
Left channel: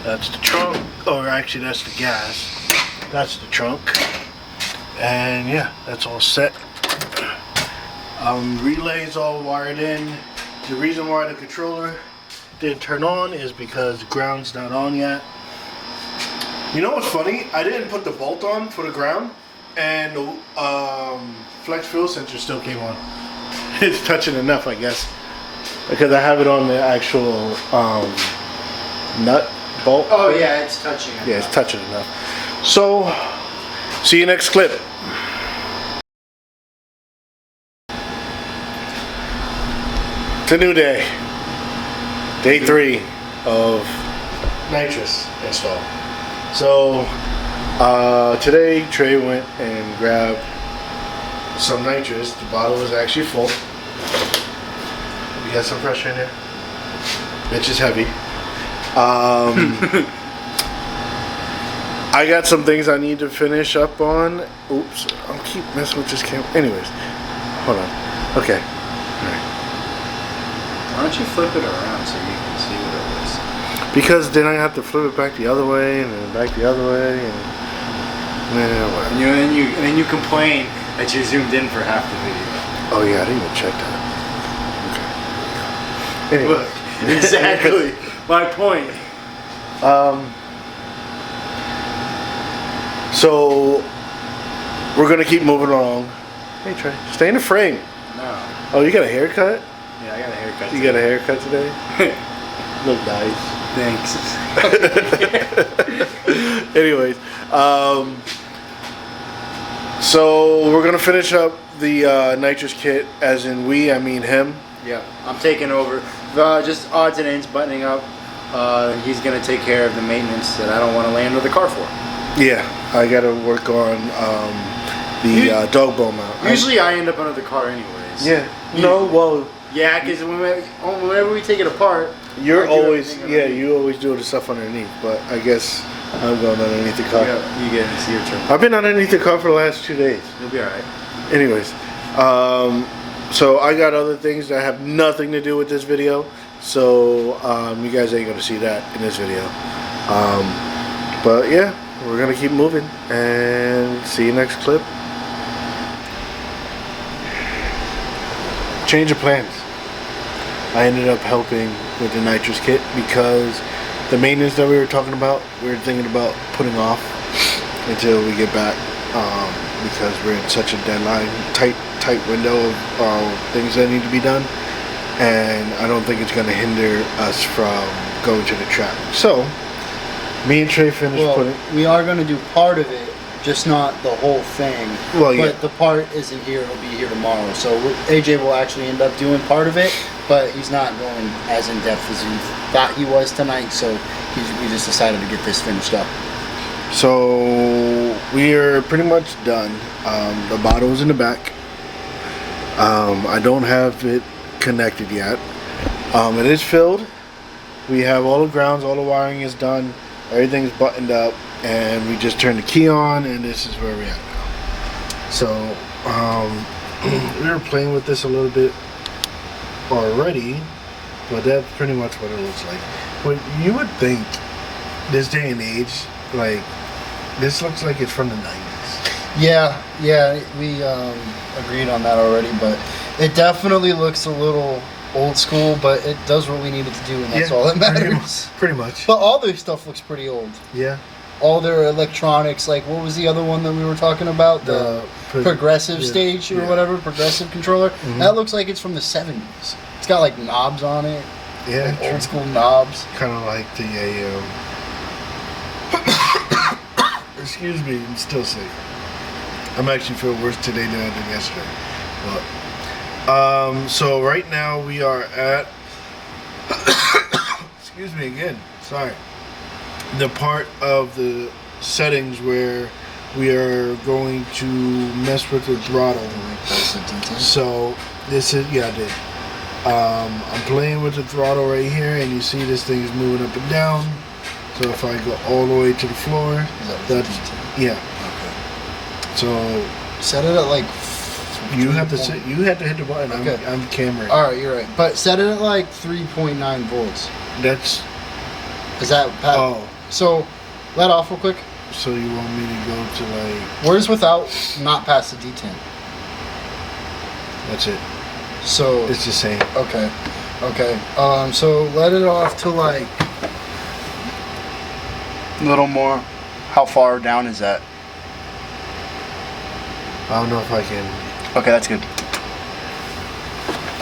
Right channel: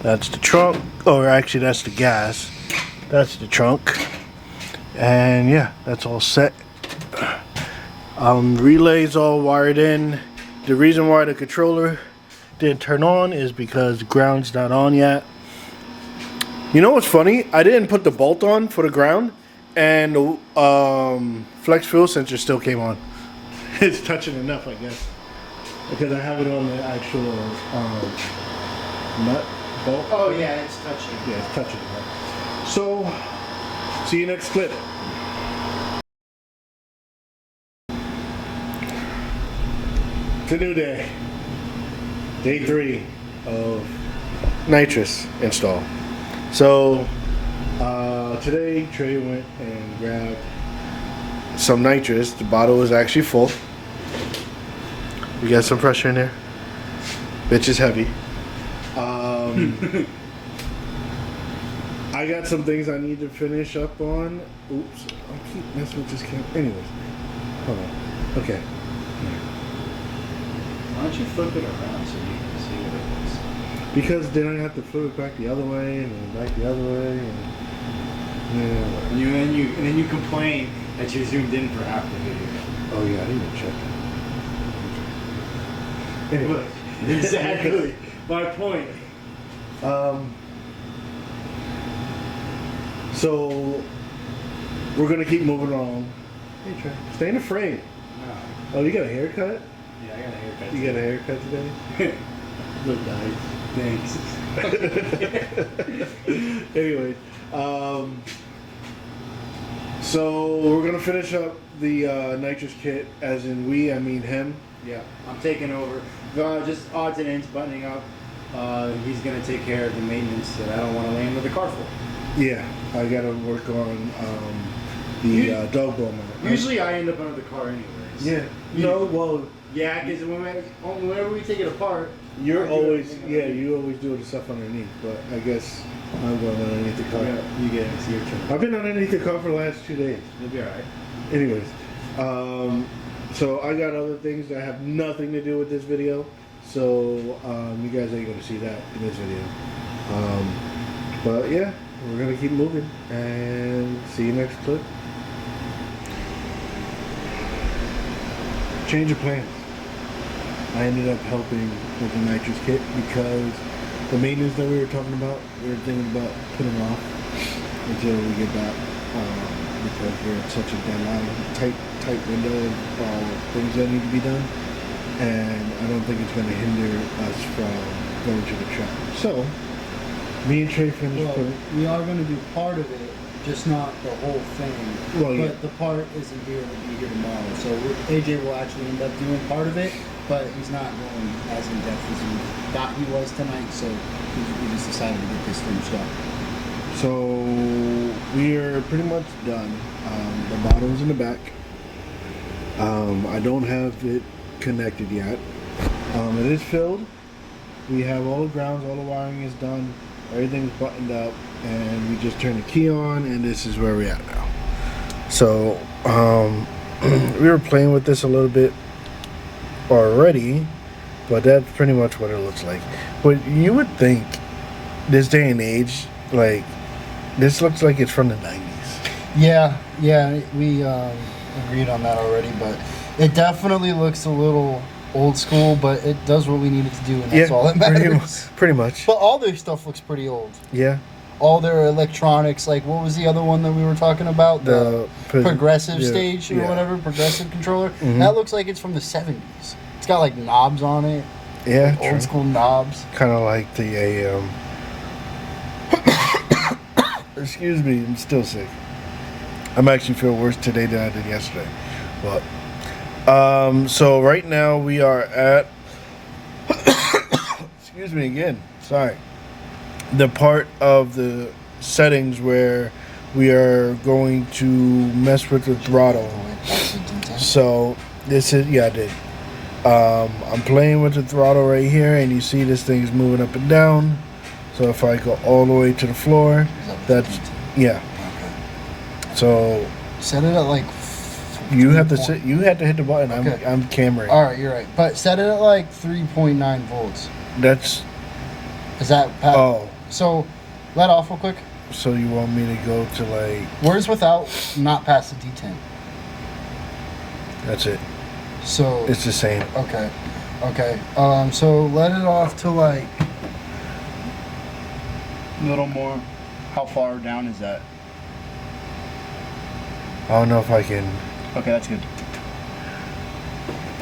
That's the trunk, or actually that's the gas. That's the trunk. And yeah, that's all set. Relay's all wired in. The reason why the controller didn't turn on is because ground's not on yet. You know what's funny? I didn't put the bolt on for the ground, and the flex fuel sensor still came on. It's touching enough, I guess, because I have it on the actual nut bolt. Oh yeah, it's touching. Yeah, it's touching enough. So, see you next clip. It's a new day. Day 3 of Nitrous install. So, today Trey went and grabbed some nitrous. The bottle is actually full. We got some pressure in there. Bitch is heavy. I got some things I need to finish up on. Oops, I'll keep messing with this camera. Anyways, hold on. Okay. All right. Why don't you flip it around so you can see what it is? Because then I have to flip it back the other way and then back the other way and And then you complain that you're zoomed in for half the video. Oh yeah, I didn't even check that. Okay. Anyway. Look, exactly my point. So we're gonna keep moving along. Hey Trey, stay in the frame. No. Oh, you got a haircut? Yeah, I got a haircut. You got a haircut today? Look nice. Thanks. Anyways, so we're gonna finish up the nitrous kit, as in we, I mean him. Yeah, I'm taking over. Just odds and ends, buttoning up. He's gonna take care of the maintenance that I don't want to lay under the car for. Yeah, I gotta work on the dog bone mount. Usually I end up under the car anyways. Yeah. No, well. Yeah, because whenever we take it apart, You're I do always, everything yeah, underneath. you always do the stuff underneath, but I guess I'm going underneath the car. You get it. It's your turn. I've been underneath the car for the last 2 days. You'll be alright. Anyways, so I got other things that have nothing to do with this video, so you guys ain't gonna see that in this video. But yeah, we're gonna keep moving and see you next clip. Change of plans. I ended up helping with the nitrous kit because the maintenance that we were talking about, we were thinking about putting off until we get back, because we're in such a deadline, tight window of things that need to be done, and I don't think it's going to hinder us from going to the track. So, me and Trey finished putting. We are going to do part of it, just not the whole thing. Well, yeah. But the part isn't here, it'll be here tomorrow. So AJ will actually end up doing part of it, but he's not going as in depth as he thought he was tonight, so we just decided to get this finished up. So we are pretty much done. The bottle's in the back. I don't have it connected yet. It is filled. We have all the grounds, all the wiring is done, everything's buttoned up, and we just turned the key on, and this is where we're at now. So we were playing with this a little bit already, but that's pretty much what it looks like. But you would think this day and age, like, this looks like it's from the 90s. Yeah, we agreed on that already, but it definitely looks a little old school, but it does what we need it to do, and that's all that matters. Pretty much. But all their stuff looks pretty old. Yeah. All their electronics, like what was the other one that we were talking about? The progressive stage or whatever, progressive controller. Mm-hmm. That looks like it's from the 70s. It's got like knobs on it. Yeah. Like old school knobs. Kind of like the excuse me, I'm still sick. I'm actually feeling worse today than I did yesterday. But so right now we are at excuse me again, sorry, the part of the settings where we are going to mess with the throttle. So this is, yeah, I did. I'm playing with the throttle right here, and you see this thing is moving up and down. So if I go all the way to the floor, that's, yeah. Okay. So set it at like. You have to sit. You have to hit the button. Okay. I'm camera. All right, you're right. But set it at like 3.9 volts. That's. Is that? Oh. So, let off real quick. So you want me to go to like? Where's without not past the D10? That's it. So it's the same. Okay. Okay. So let it off to like a little more. How far down is that? I don't know if I can. Okay, that's good.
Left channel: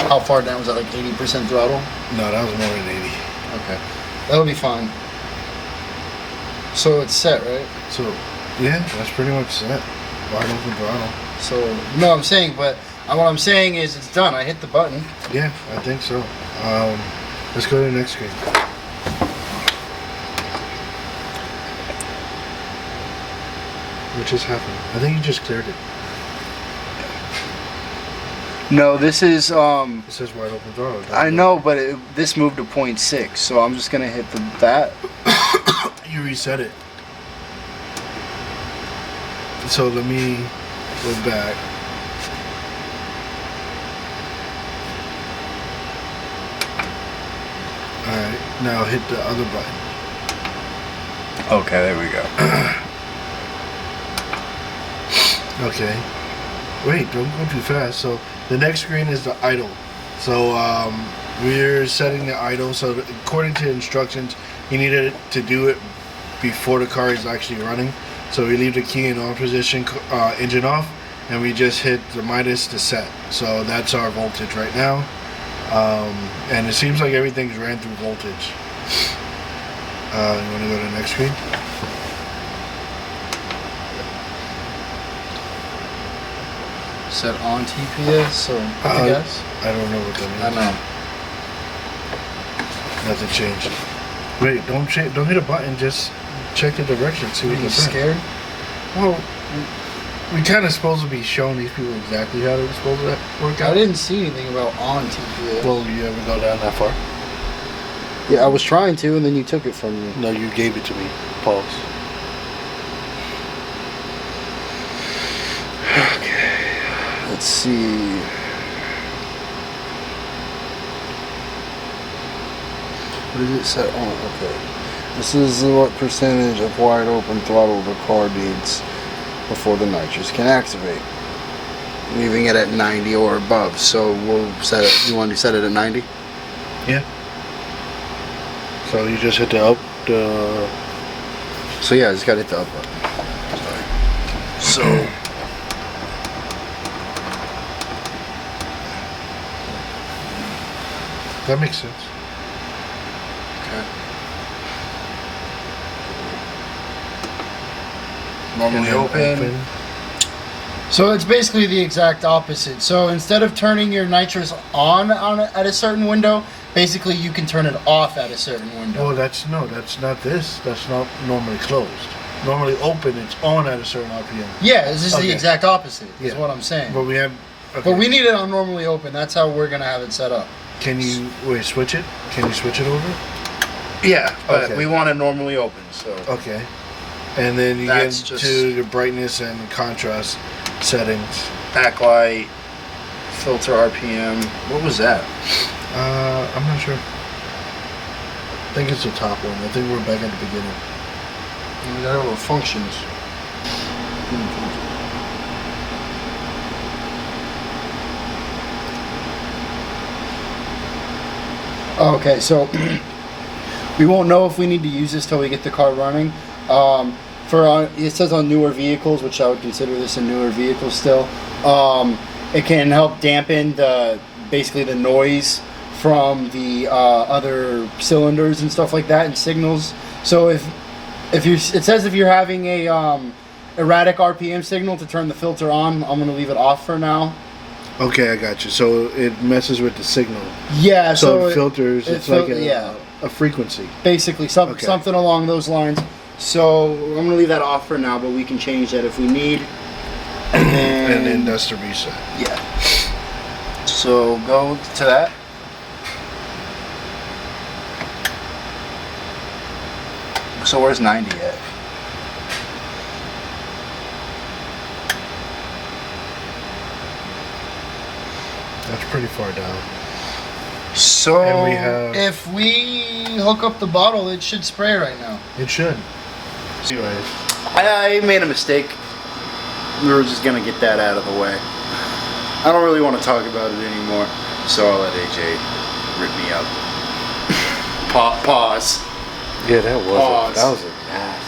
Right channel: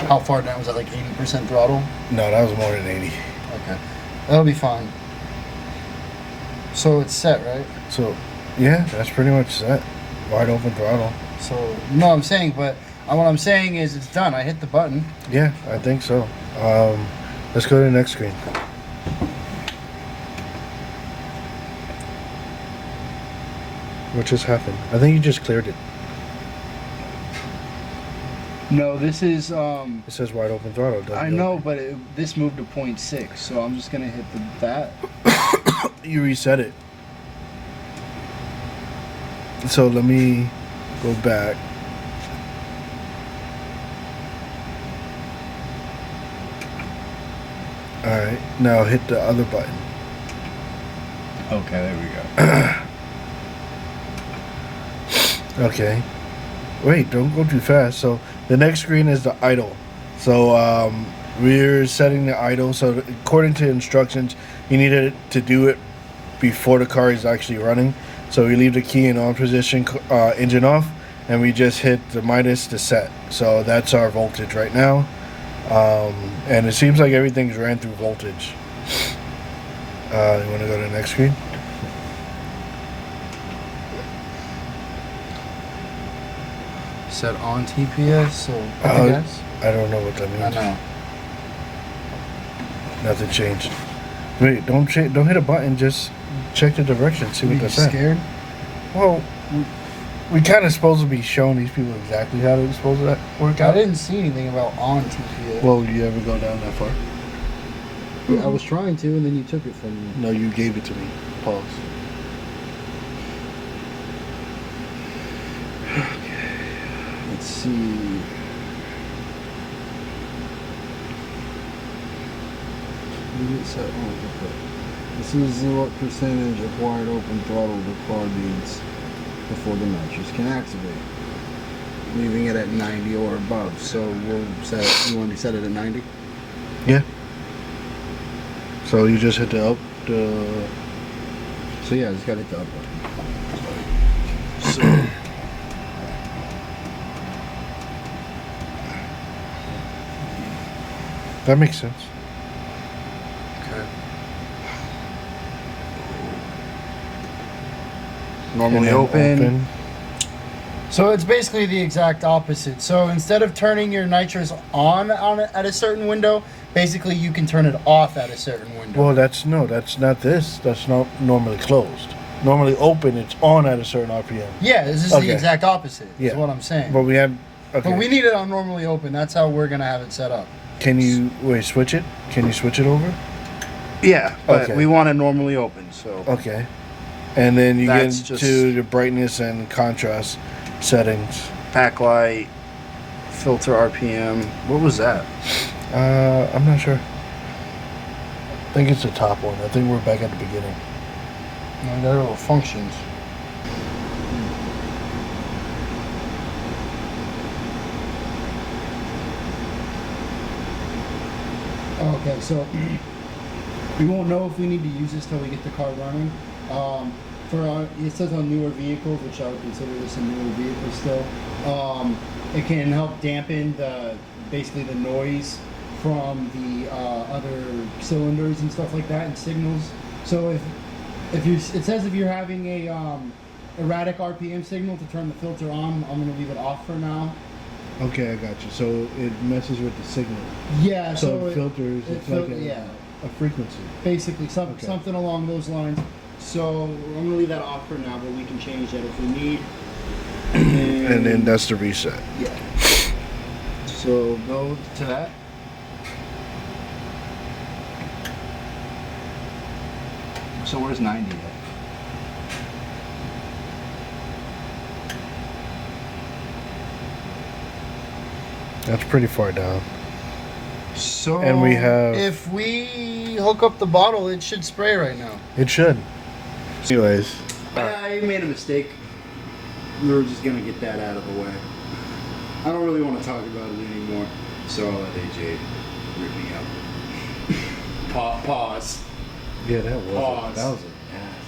How far down was that? Like 80% throttle? No, that was more than 80. Okay, that'll be fine. So it's set, right? So, yeah, that's pretty much set. Wide open throttle. So no, I'm saying, but what I'm saying is it's done. I hit the button. Yeah, I think so. Let's go to the next screen. What just happened? I think you just cleared it. No, this is It says wide open throttle. I know, but this moved to 0.6, so I'm just gonna hit that. You reset it. So let me go back. Alright, now hit the other button. Okay, there we go. Okay. Wait, don't go too fast. So the next screen is the idle. So we're setting the idle. So according to instructions, you needed to do it before the car is actually running. So we leave the key in on position, engine off, and we just hit the minus to set. So that's our voltage right now. And it seems like everything's ran through voltage. You want to go to the next screen? Set on TPS, so I guess. I don't know what that means. I know. That's a change. Wait, don't hit a button. Just check the direction. See what Are you that's at. scared? Well, we kind of supposed to be showing these people exactly how they're supposed to work out. I didn't see anything about on TPS. Well, do you ever go down that far? Yeah, I was trying to, and then you took it from me. No, you gave it to me. Pause. Okay. Let's see. What did it set on? Okay. This is what percentage of wide open throttle the car needs before the nitrous can activate. Leaving it at 90 or above. So we'll set it. You want to set it at 90? Yeah. So you just hit the up. So yeah, I just got to hit the up button. So. That makes sense. Okay. Normally open. So it's basically the exact opposite. So instead of turning your nitrous on at a certain window, basically you can turn it off at a certain window. Well, that's not this. That's not normally closed. Normally open, it's on at a certain RPM. Yeah, this is Okay. the exact opposite. Is Yeah. what I'm saying. But we have. Okay. But we need it on normally open. That's how we're gonna have it set up. Can you switch it? Can you switch it over? Yeah, but Okay. we want it normally open. So Okay. And then you That's get just- to your brightness and contrast settings. backlight, filter RPM. What was that? I'm not sure. I think it's the top one. I think we're back at the beginning. Oh, there are functions. Okay, so we won't know if we need to use this till we get the car running. It says on newer vehicles, which I would consider this a newer vehicle still. It can help dampen basically the noise from the other cylinders and stuff like that, and signals. So it says if you're having a erratic RPM signal to turn the filter on, I'm gonna leave it off for now. Okay, I got you. So it messes with the signal. Yeah, So it it filters. It's like a frequency. basically Okay. something along those lines. So I'm gonna leave that off for now, but we can change that if we need. And then that's the reset. Yeah. So go to that. So where's 90 at? That's pretty far down. So And we have- if we hook up the bottle, it should spray right now. It should. Anyways, I made a mistake. We were just gonna get that out of the way. I don't really want to talk about it anymore, so I'll let AJ rip me up. Pause. yeah, that was Pause. that was a nasty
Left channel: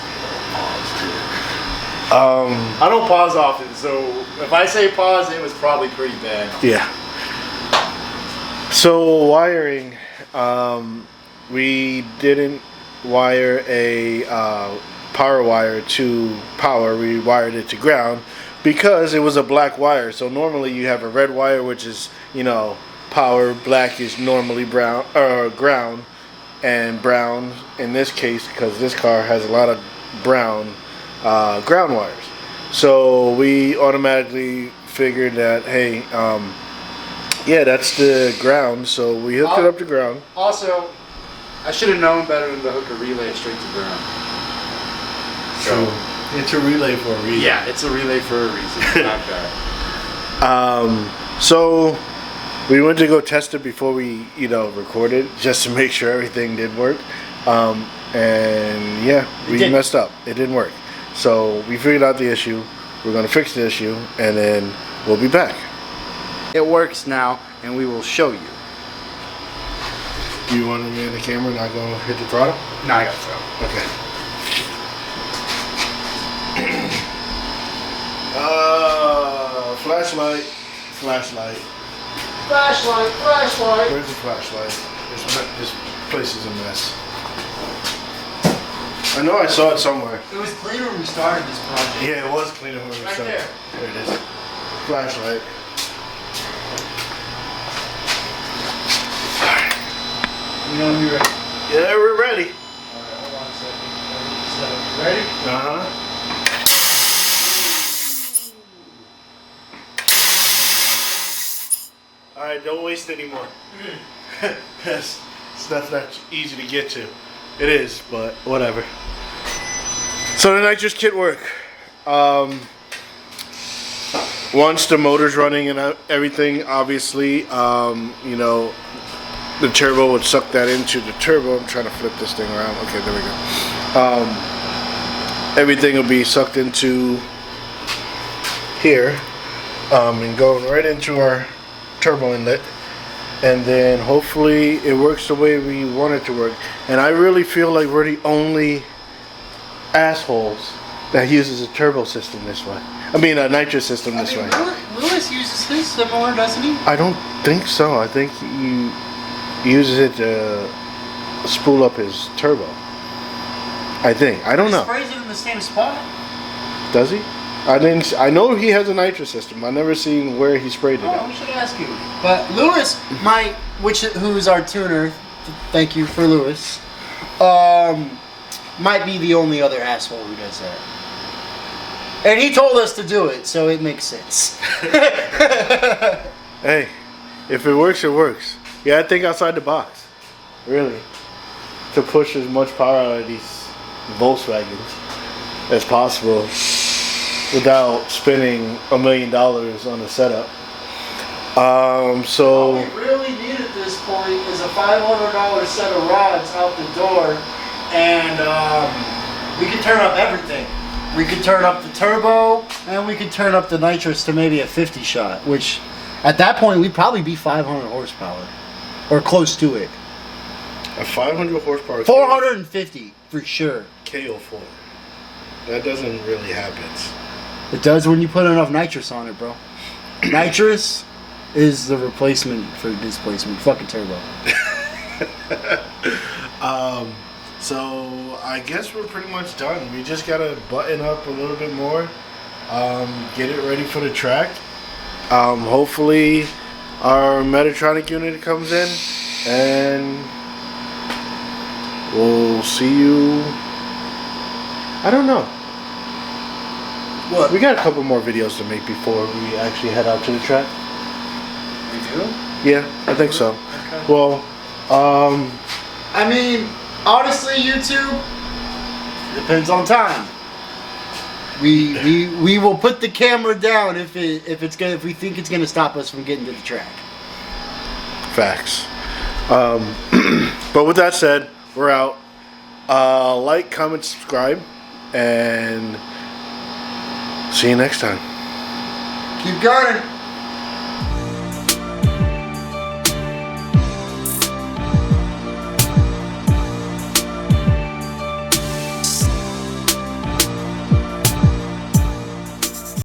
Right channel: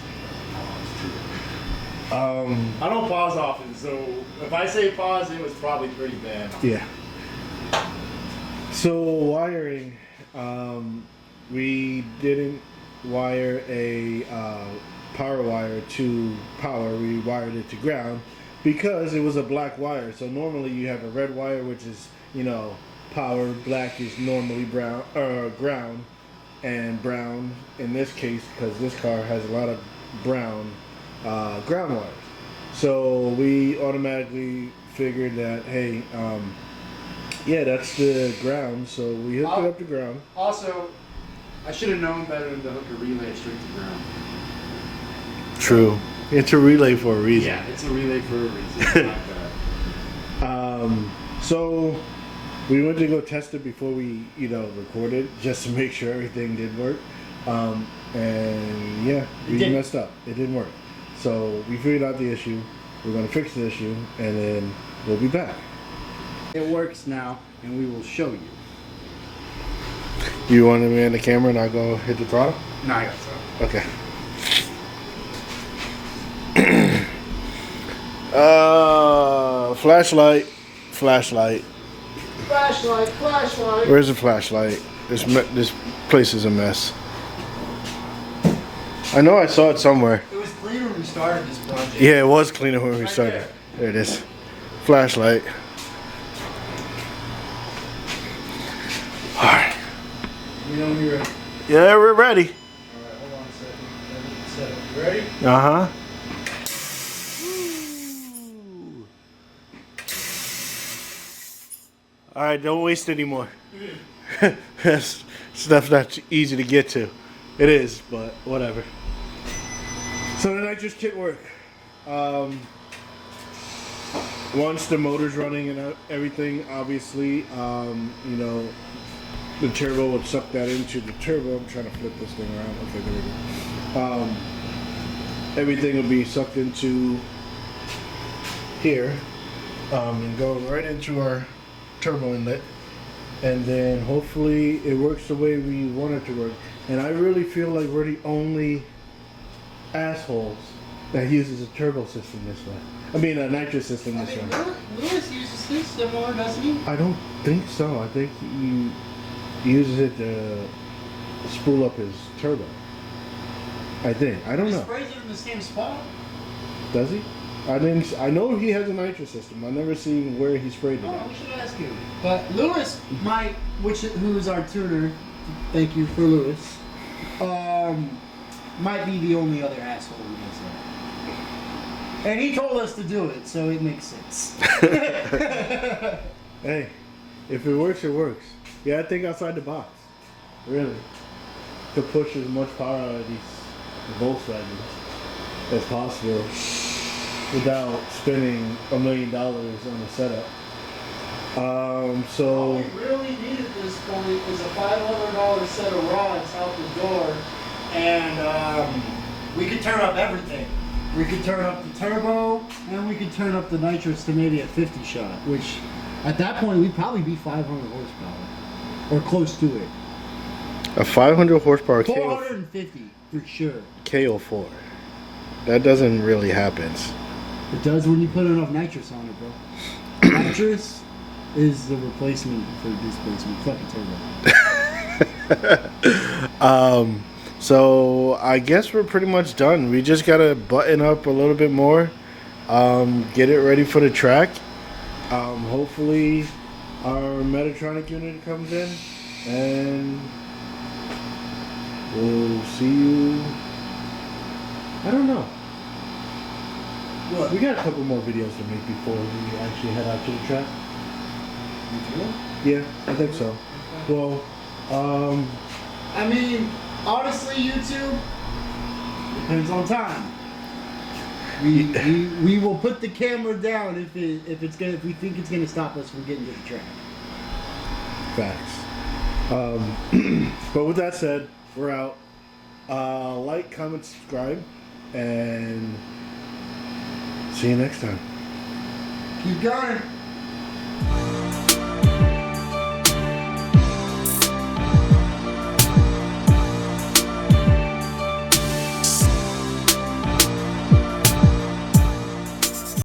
pause too. I don't pause often, so if I say pause, it was probably pretty bad. Yeah. So wiring, we didn't wire a power wire to power. We wired it to ground because it was a black wire. So normally you have a red wire, which is, you know, power. Black is normally brown or ground, and brown in this case because this car has a lot of brown ground wires. So we automatically figured that, hey, yeah, that's the ground. So we hooked it up to ground. Also, I should have known better than to hook a relay straight to ground. True. It's a relay for a reason. Yeah, it's a relay for a reason. Not bad. So we went to go test it before we, recorded, just to make sure everything did work. And yeah, we didn't. messed up. It didn't work. So we figured out the issue. We're gonna fix the issue, and then we'll be back. It works now, and we will show you. You want to be in the camera and not go hit the throttle? No, I got so. Okay. Flashlight. Flashlight. Where's the flashlight? This place is a mess. I know I saw it somewhere. It was cleaner when we started this project. Yeah, it was cleaner when we Right started. there. There it is. Flashlight. Alright. You know when you're ready. Yeah, we're ready. Alright, hold on a second. Set up. You ready? Uh-huh. Alright, don't waste any more. Stuff that's easy to get to. It is, but whatever. So the nitrous kit work. Once the motor's running and everything, obviously, the turbo would suck that into the turbo. I'm trying to flip this thing around. Okay, there we go. Everything will be sucked into here and going right into our turbo inlet. And then hopefully it works the way we want it to work. And I really feel like we're the only assholes that uses a turbo system this way. I mean a nitrous system this way. Lewis uses his similar, doesn't he? I don't think so. I think he uses it to spool up his turbo. I think. I don't know. He sprays it in the same spot. Does he? I know he has a nitrous system. I've never seen where he sprayed it Oh, at. we should ask you. But Lewis, who's our tuner, thank you for Lewis. might be the only other asshole who does that. And he told us to do it, so it makes sense. Hey, if it works, it works. You gotta think outside the box. Really. To push as much power out of these Volkswagens as possible without spending $1 million on a setup. So All we really need at this point is a $500 set of rods out the door, and we could turn up everything. We could turn up the turbo, and we could turn up the nitrous to maybe a 50 shot, which at that point we'd probably be 500 horsepower, or close to it. a 500 horsepower 450 for sure. KO4. That doesn't really happen. It does when you put enough nitrous on it, bro. Nitrous is the replacement for displacement. Fucking turbo. So I guess we're pretty much done. We just gotta button up a little bit more, get it ready for the track. Hopefully our Metatronic unit comes in, and we'll see you. I don't know. What? We got a couple more videos to make before we actually head out to the track. We do? Yeah, I think so. Okay. Well, I mean, honestly, YouTube, depends on time. We will put the camera down if we think it's gonna stop us from getting to the track. facts. But with that said, we're out. Like, comment, subscribe, and see you next time. Keep going.